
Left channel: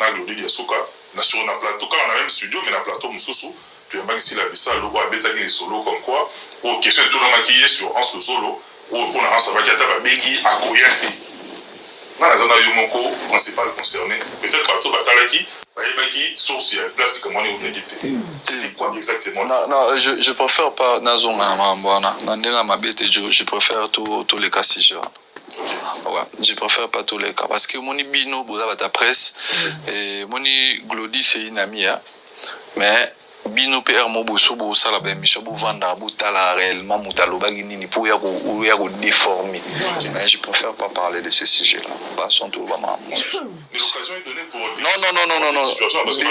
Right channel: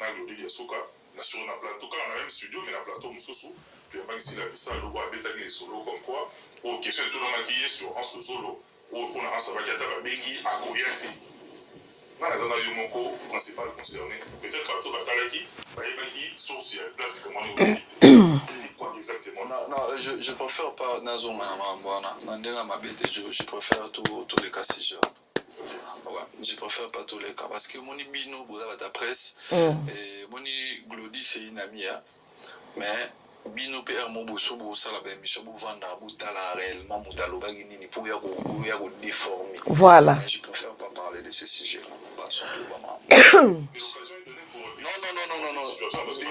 na Glody Yasuka na sur na plateau quand on a même studio mais na plateau mususu puis yambaki si la bisa logo abetaki les solo comme quoi au question tout na maquillé sur en ce solo au pour na ça va kata babengi akoyate na zona yo moko principal concerné peut-être plateau batalaki bayebaki source ya place de comment on dit c'était quoi exactement? Non, je préfère pas Nazonga Mambwana. Je préfère tous les cas si je. Ouais, je préfère pas tous les cas. Parce que mon Bino, vous avez ta presse. Et mon Glody, c'est une amie. Mais Bino PR Moboso, vous savez, la mission, vous vendez, vous talez réellement, vous talez bagini pour y déformer. Voilà. Mais je préfère pas parler de ces sujets-là. Passons tout le moment. Mais l'occasion est donnée pour. Non. Parce que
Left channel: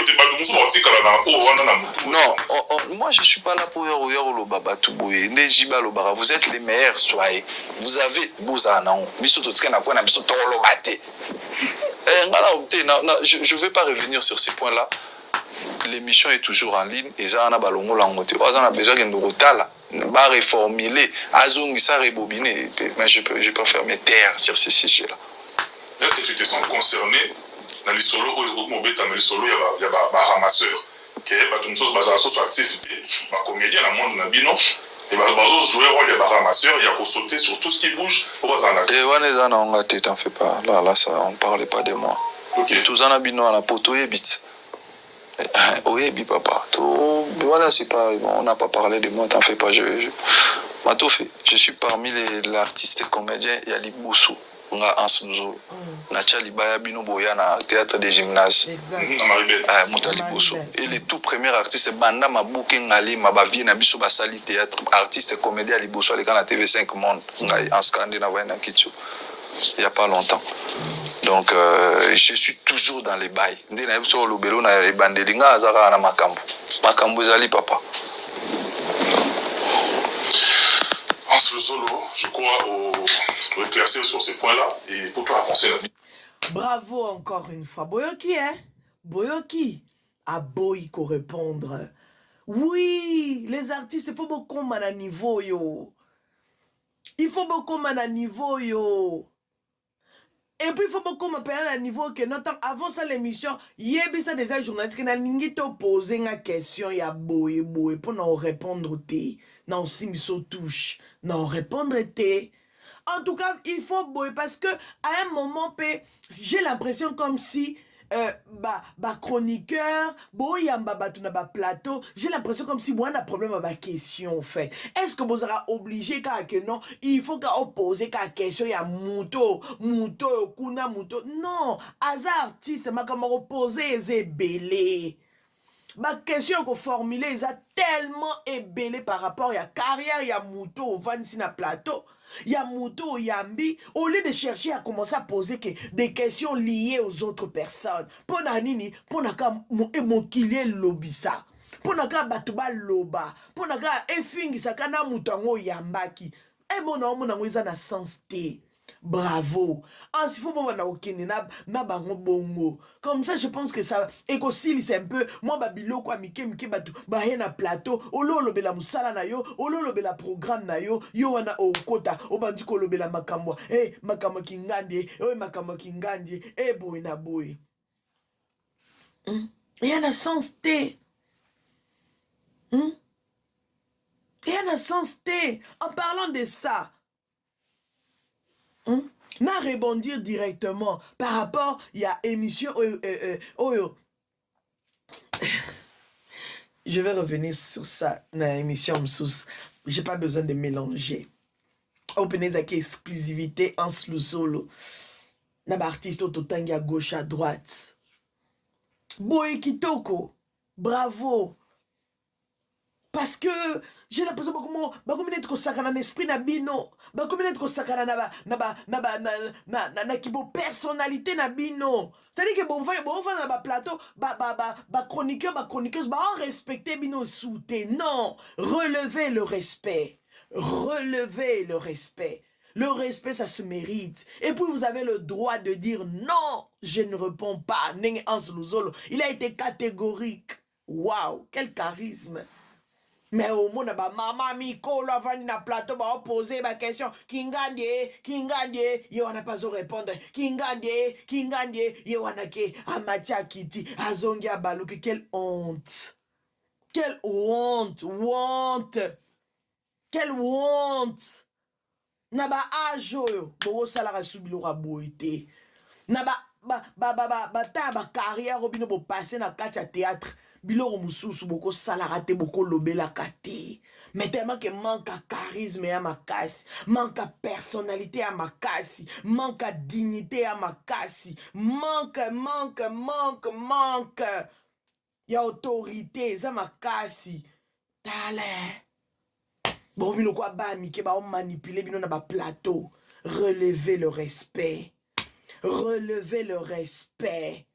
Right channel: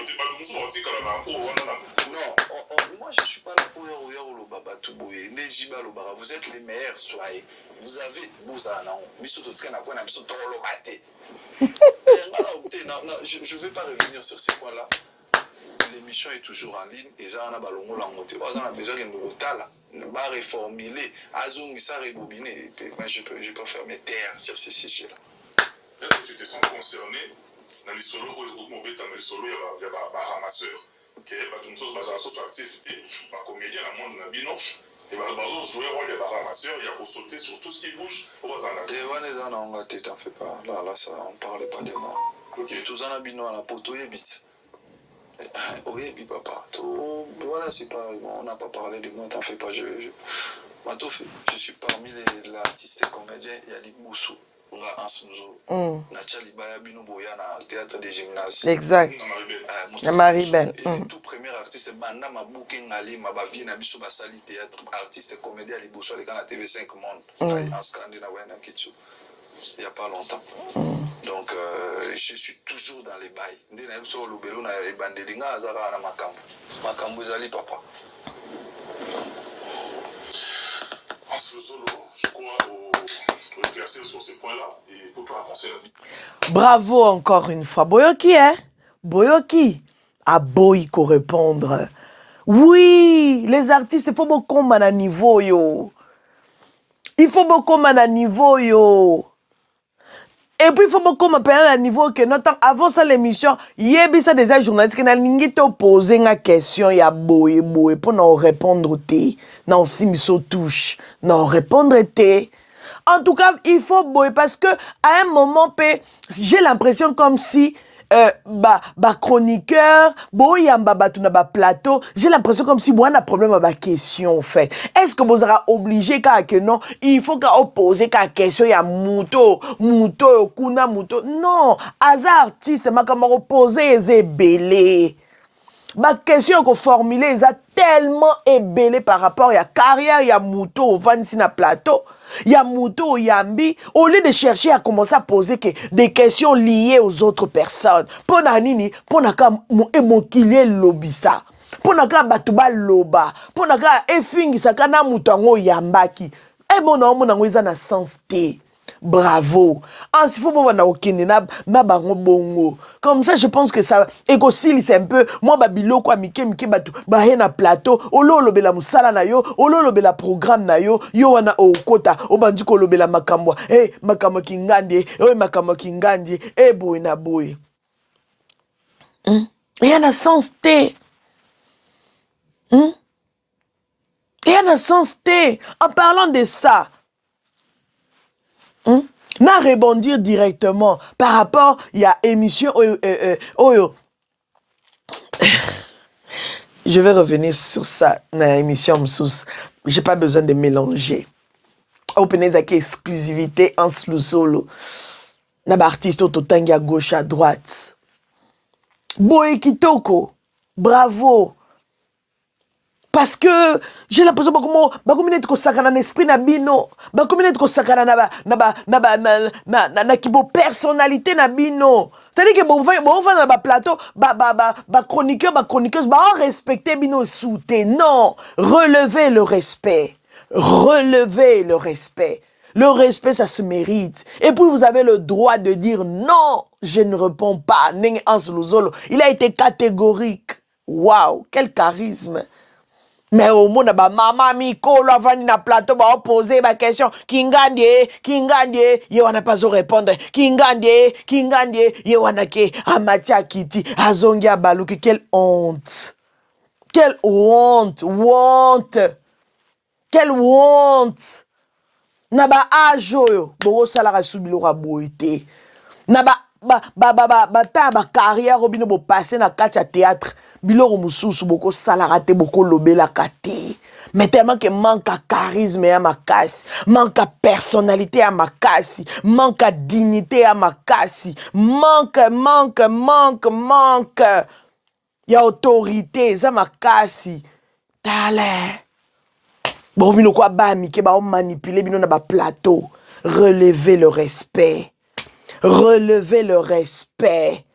non, moi je suis pas là pour le baba tout boué. Vous êtes les meilleurs, soyez. Vous avez Bouzana. Je vais pas revenir sur ces points-là. L'émission est toujours en ligne et ça on a balongo langote. On a besoin de nous va reformuler, azungisa rebobiné. Mais je préfère me taire sur ces sujets-là. Est-ce que tu te sens concerné dans les solos où il y a des ramasseurs qui sont actifs, des comédiens dans le monde, Et bah, jouer rôle, il y a ramasseur, il y a sauter sur tout ce qui bouge. Et Wanezana, on a t'en fais pas. Là, ça, on parlait pas de moi. Ok. Tout en abino à la poto et bit. Oui, papa. Voilà, c'est pas. On n'a pas parlé de moi, t'en fais pas. Je suis parmi les artistes comédiens, il y a Liboussou. On a Hans Luzolo. Nacha Libaya Bino Boya na théâtre des gymnases. Exact. Et les tout premiers artistes, Banda Mabouke Ngali, Mabavi Nabiso Basali théâtre, artiste comédien à Liboussou, les gars na TV5 Monde, en Scandinavie, na Kitsu. Il n'y a pas longtemps. Donc, je suis toujours dans les bails. Dès que je suis au Belo, je suis dans Makambo. Makambo Zali, papa. Hans Luzolo, je crois, au éclaircir sur ces points-là et pour toi avancer la vie. Bravo encore une fois. Boyoki, hein? Boyoki a Boyko répondre. Oui, les artistes, il faut beaucoup à niveau, yo. Il faut beaucoup à niveau, yo. Et puis, il faut beaucoup à niveau que notre avant ça l'émission, il y a des journalistes qui n'ont posé une question, il y a boy pour nous répondre, non, si nous touche, non, répondre, en tout cas, il faut boy parce que à un moment, j'ai l'impression comme si chroniqueur, plateau, j'ai l'impression comme si moi on a problème avec la question en fait. Est-ce que vous serez obligé que non, il faut qu'on pose la question, il y a mouto, kuna mouto. Non, hasard artiste, ma comme poser c'est belé. Ma question qu'on formulée, ils a tellement ébélé par rapport à la carrière, il y a mouto au na plateau. Il y a Mouto, Yambi, au lieu de chercher à commencer à poser des questions liées aux autres personnes. Pour nini, pour naka émoquiller lobisa. Pour naka batuba loba. Pour naka efingi sakana mutango yambaki. Eh mon nango isa na sens te. Bravo. Si faut pas na okende na bango bongo. Comme ça je pense que ça écosile c'est un peu moi babilo kwa mike batu ba na plateau ololo bela musala na yo ololo bela programme na yo yo wana okota obandi ko lobela makambo makambo kingandi makambo kingandi boy na boy. Il y a un sens T. Il y a un sens T. En parlant de ça, n'a rebondir directement par rapport il y a émission je vais revenir sur ça dans l'émission j'ai pas besoin de mélanger openez avec exclusivité en solo na ba artiste autotangi à gauche à droite Boy Kitoko bravo. Parce que j'ai l'impression que ko sakana n'esprit na bino, ko sakana na kibo personnalité na bino. C'est-à-dire que bon va na plateau, chroniqueuse, respecter bino souté. Non, relevez le respect. Relevez le respect. Le respect, ça se mérite. Et puis, vous avez le droit de dire non, je ne réponds pas. Il a été catégorique. Waouh, quel charisme. Mais au monde, maman Miko, la vanne na plateau, poser ma question. Kingandie, ye wana pas répondre. Kingandie, ye wana ke, amatia kiti, azongia baluki, quelle honte. Quelle honte, quelle honte. Naba ajo, bogo salara subilo boité. Naba carrière obino bo passer na katia théâtre biloko mususu boko salarate boko lobela kate mais tellement que manque à charisme à ma casse manque à personnalité à ma casse manque à dignité à ma casse manque ya autorité ça ma casse tale bon bino kwa ba mi ke ba manipuler bino na ba plateau relevez le respect. Relevez le respect.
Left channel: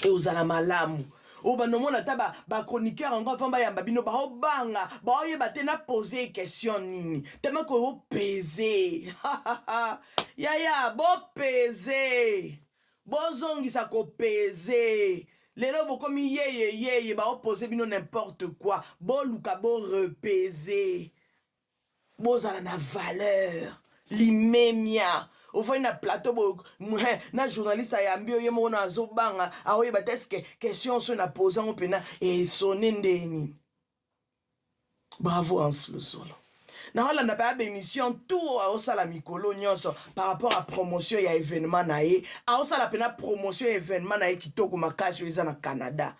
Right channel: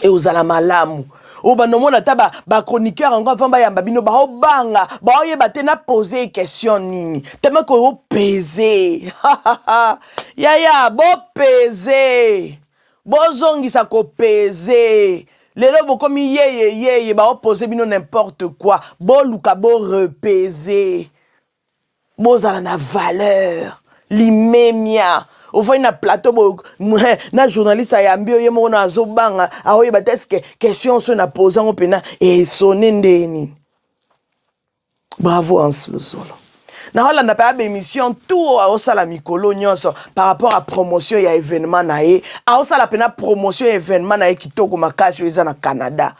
Et aux alamalamu. Banomona taba ba chroniqueur encore avant ba yamba bino ba obanga ba oyeba te na poser question nini tellement ko peser ya bo peser bozongisa ko peser lelo bokomi ye ba poser bino n'importe quoi bo luka bo repeser bozala na valeur limemia au fond na plateau na journaliste ayambi oye mo na zobanga aoye bateske question so na posant opena et sonné ndeni Bravo Hans Luzolo. On n'a pas d'émission tout au sala mikolo nyonso par rapport à promotion ya événement nae a sala pena promotion événement nae kitoko makasi eza na Canada.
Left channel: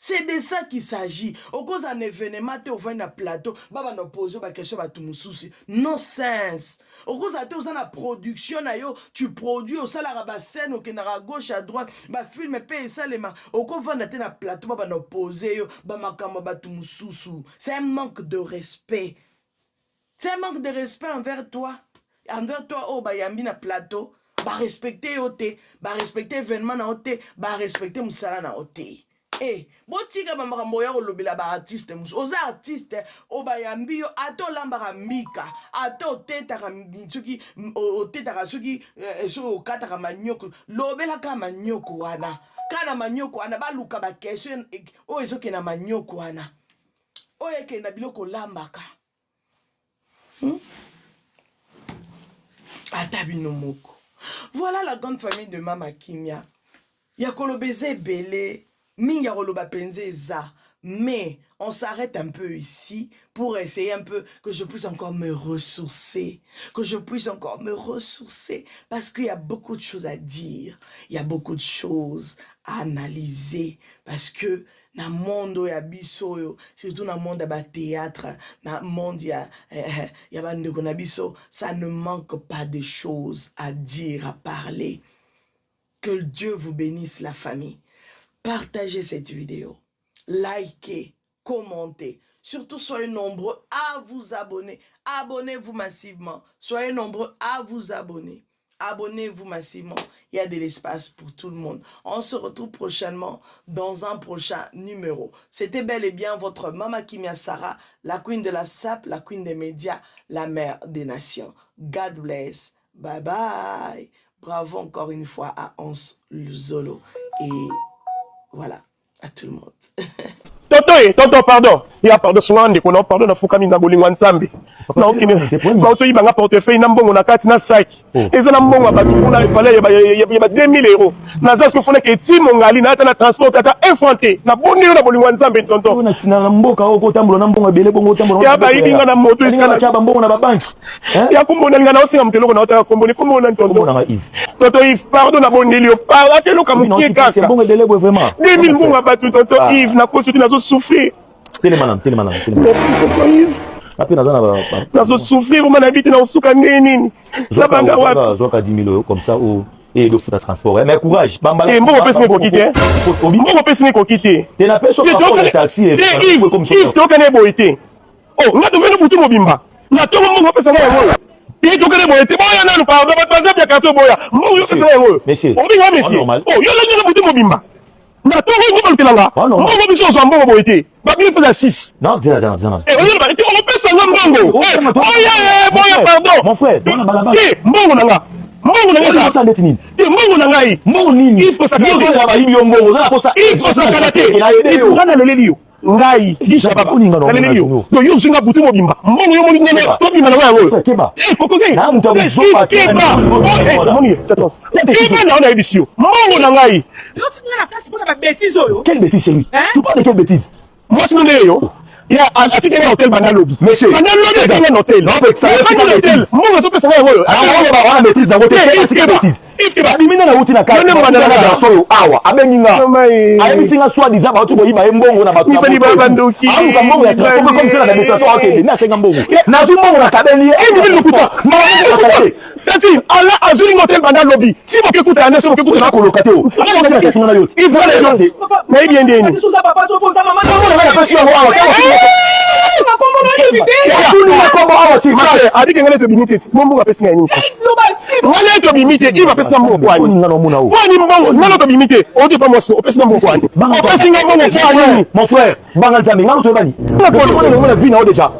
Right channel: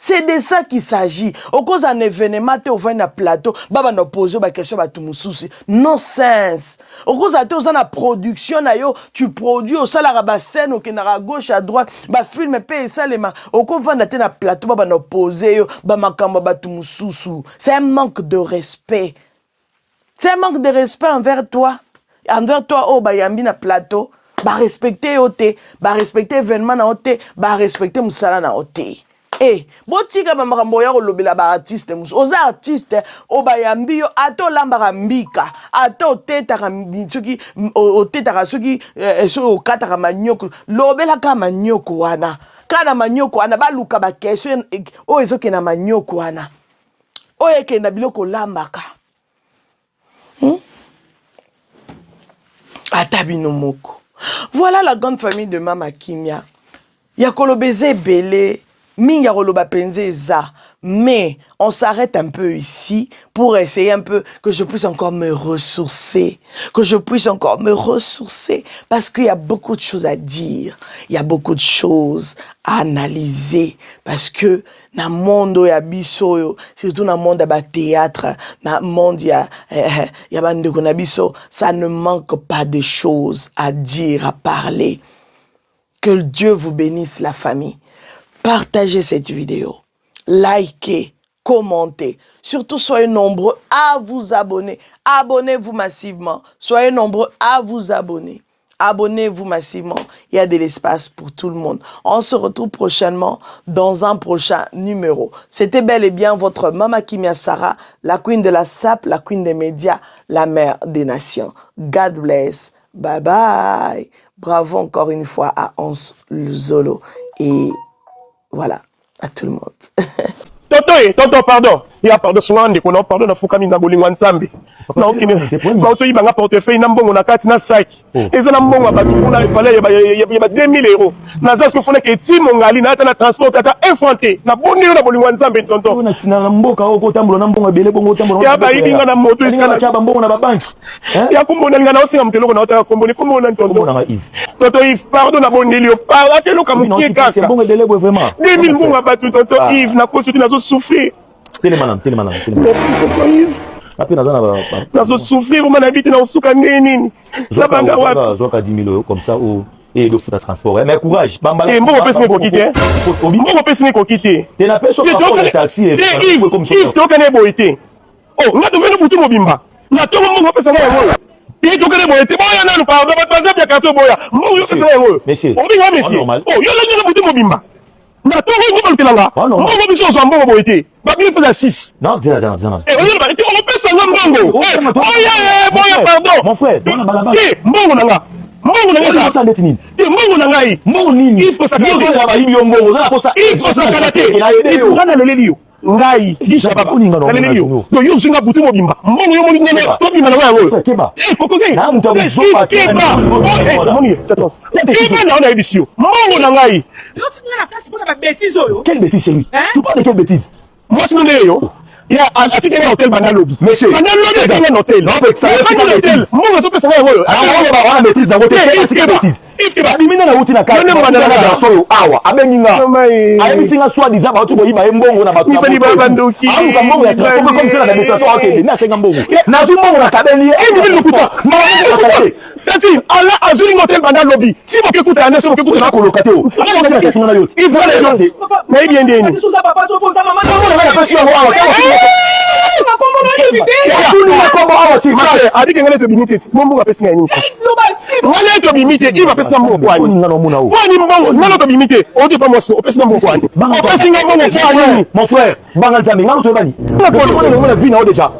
C'est de ça qu'il s'agit. Au cause d'un événement, tu vas na plateau, baba na poser ba question ba tumususi. Nonsense. Au cause de la production na yo, tu produis au salaire ba scène au à gauche à droite, ba film pe ça les ma. Au cause de na plateau baba na poser yo, ba makamba ba tumususu. C'est un manque de respect. C'est un manque de respect envers toi. Envers toi oh ba yambi na plateau, ba respecter ote, ba respecter événement na ote, ba respecter musala na ote. Eh, botika ba makambo ya kolobela ba artiste musu. Oza artiste o ba yambi yo ato lamba mbika, ato teta ka mitsuki o teta ka suki so o kata ka manyoko. Lobela ka manyoko wana. Kana manyoko wana ba luka ba question o ezoke na manyoko wana. O eke na biloko lambaka. Atabino moko. Voilà la grande famille de Mama Kimia. Yakolo beze belé. Minga roloba penze za, mais on s'arrête un peu ici pour essayer un peu que je puisse encore me ressourcer, parce qu'il y a beaucoup de choses à dire, il y a beaucoup de choses à analyser, parce que na monde ya biso, surtout na monde ya théâtre, na monde ya bandeko na biso, ça ne manque pas de choses à dire, à parler. Que Dieu vous bénisse la famille. Partagez cette vidéo, likez, commentez. Surtout, soyez nombreux à vous abonner. Abonnez-vous massivement. Soyez nombreux à vous abonner. Abonnez-vous massivement. Il y a de l'espace pour tout le monde. On se retrouve prochainement dans un prochain numéro. C'était bel et bien votre Mama Kimia Sarah, la queen de la SAP, la queen des médias, la mère des nations. God bless. Bye bye. Bravo encore une fois à Hans Luzolo. Et voilà, à tout le monde. Tonton, pardon. Il y a pardon, souvent, on a pardon, on a foukamé dans Bolingwan Sambi. Non, il y a un portefeuille, on a 4 sacs. Et ça, on a il y a 2000 euros. Dans ce qu'il faut que si mon gars, il a un transport, il a effronté. Na bonne na Bolingwan Sambi, tonton. Na mboka oko tambulo na mbongo bele bongo tambulo. Ya ba yinga na moto iska cha mbongo na babanki. Ya kumbona ngana osinga mteloko na otaka kumbona kumbona tonton. Tonton Yves, pardon na bonne lio. Pardon telo kamukie kaka. Mbongo bele vraiment. 2000 mbongo batu tonton Yves na kosuti na zo souffrir. Télémanam. Merci tonton Yves. Après na zo souffrir on habite na osuka nini. Sabanga wapi. Zoka 10 000 euros comme ça ou et le foot à transport. Mais courage, bambala. Et mbongo pesi ko quitter. Mbongo pesi ko quitter. T'es la personne qui prend le taxi et Yves to kana boité. Oh, nga to venu butu mobimba. Na to mbongo pesa na yango. Et to kana boité. Boya na pardon, pas ça bien kato boya. Mbongo pesa na yango. Monsieur. On dit monsieur. Oh, yo la butu mobimba. Na to ngo balkelanga. Mbongo biso so mbongo boité. Ba bien fait 6. Non, dis. Et on va pesa mbongo. Boya pardon. Mon frère, mbongo nanga. Mbongo nanga ça ndetini. Mbongo nanga yi. Mbongo nini? Il faut ça ka ba yimbi mbongo, za ko ça. Il faut ça kalate. Il faut kana lelelio. Ngai disha baba lelelio. Do yo singa butu mobimba. Mbongo yo molinga na to bimba na yango. Keba. Koko ke. Na mutu azopa keba. Moni tato. Keba na ona edisio. Mbongo nanga yi. Yo tinga na kasi pour la bêtise yo. Quelle bêtise chérie? Tu parles de quelle bêtise? Moi c'est non yo. Il y a un hôtel Bandalobi. Monsieur. Bandalobi c'est un hôtel. Non, mais ça c'est un hôtel. Moi je peux savoir yo. Alors on va bêtise dans votre hôtel. C'est bêtise. Ifkeba bimina na uti na kati. Non na so yo awa. Abeninga. Ayi singa soi disant ba tu ko yiba mbongo na batu. Ni ba bandoki. Awu ka mbongo ya transport comme ça na besa so akende. Na senga mbongo. Na zu mbongo na kabeli. Ni lukuta. Tati, ala azuli hôtel Bandalobi. Si mo kekuta ane so mo kekuta na kolokate o. Ala na kati na yote. Ifra le yote. Na bien ndeni. Biso za papa so poza mama. Na na pesi ngo awa. Adi kengele to bimite. Mbongo pesi ngani. Ngale to bimite. Iba pesi mbongo kwani. Kwani mbongo ngalo to bimite. Oje pa moso. Pesi mbongo kwani. Pesi mbongo kwani. Mon frère, bangal zami ngalo to bani. Na ko on na vie na déjà.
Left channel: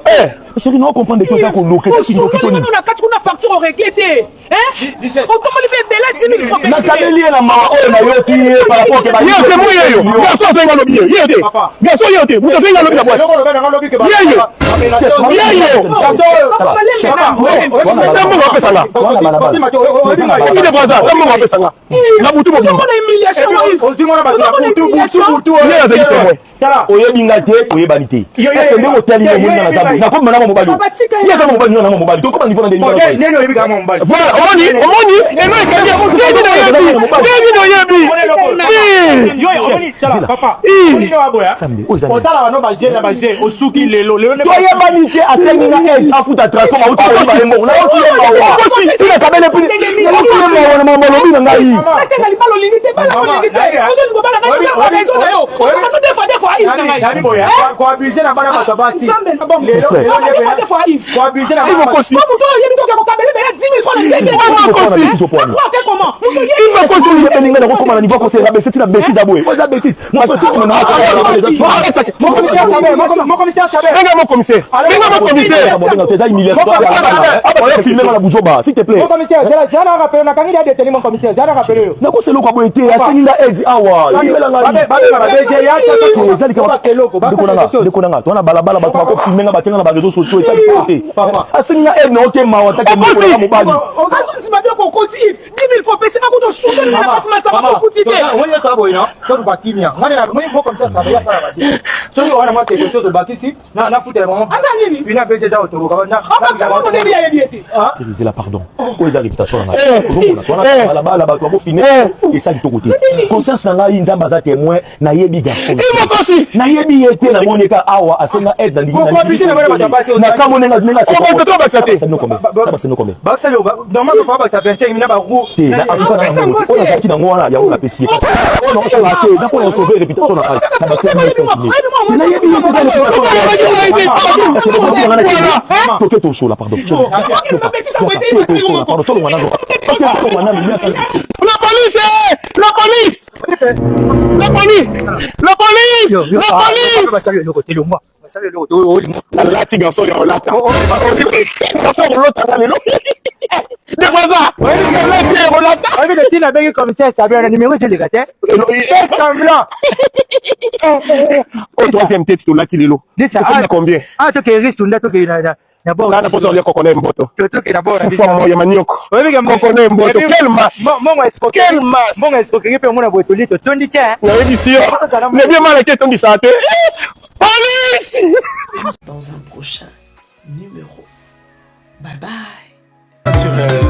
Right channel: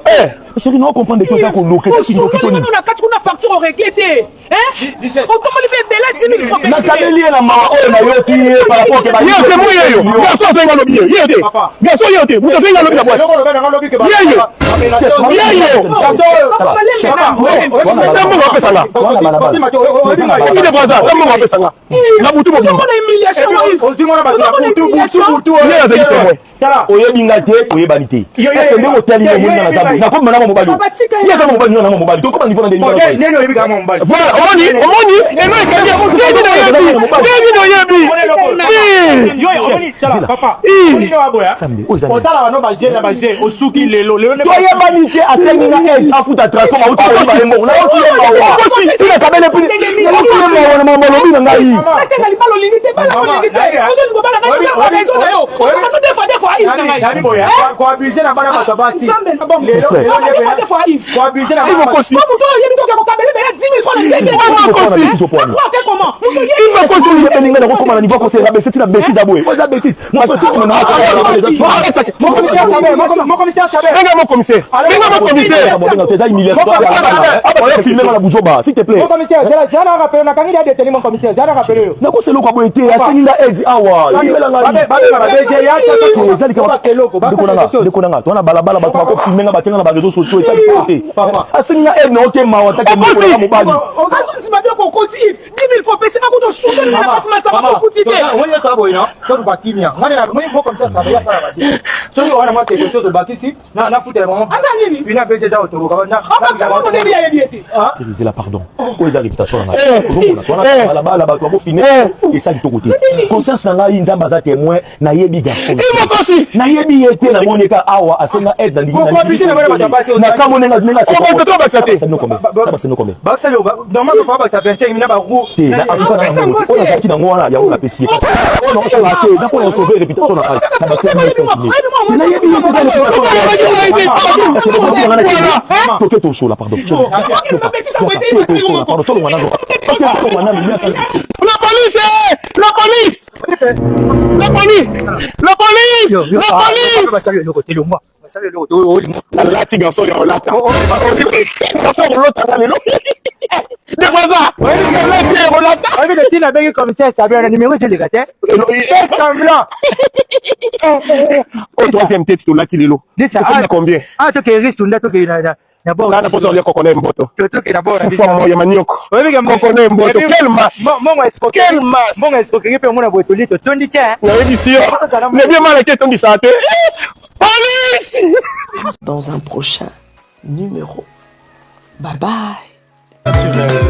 Chérie, non comprendre que ça ko loquer qui loquer to ni. Na kati kuna facture réglée. Comment le bébé là 10 000 francs. Na kabeli na mama o na yo ti par rapport ke ba. Yote moyo yo. Garçon fenga lobi. Yote. Garçon yote. Muto fenga lobi na boîte. Yote. oyebinga te oyebani te ndenge otali omoni na zambo nakoma na mobali yeza mobali na mobali tokoma niveau na ndenge voilà omoni eno ekali toyebani te asenginga aide afuta transport autoyembango naokiyemalobi na ngai dekonanga tona balabala bato bakofilmenga batianga na bareseau sociaux esali te asenginga aide na okema watake mokola mobali la pardon oyo eza réputation na ngai balabala bato bakofilme esali toko te conscience na ngai nzambe aza témoin nayebi garçon nayebi ye te namoneka awa asenga aide na kamonenga nazalaki nango wana yango napesi napona sauve réputation na ngai toke toshola pardon alati garçon ya olata au troisième tête tolati lelo combien d'abord na poso ya kokone mboto ya manioko kokone mboto quelle masse bongo escroquerie pe mona boto lito tondi te na édition ne bien mal que tondi ça te police dans un prochain numéro. Bye bye. Naturel.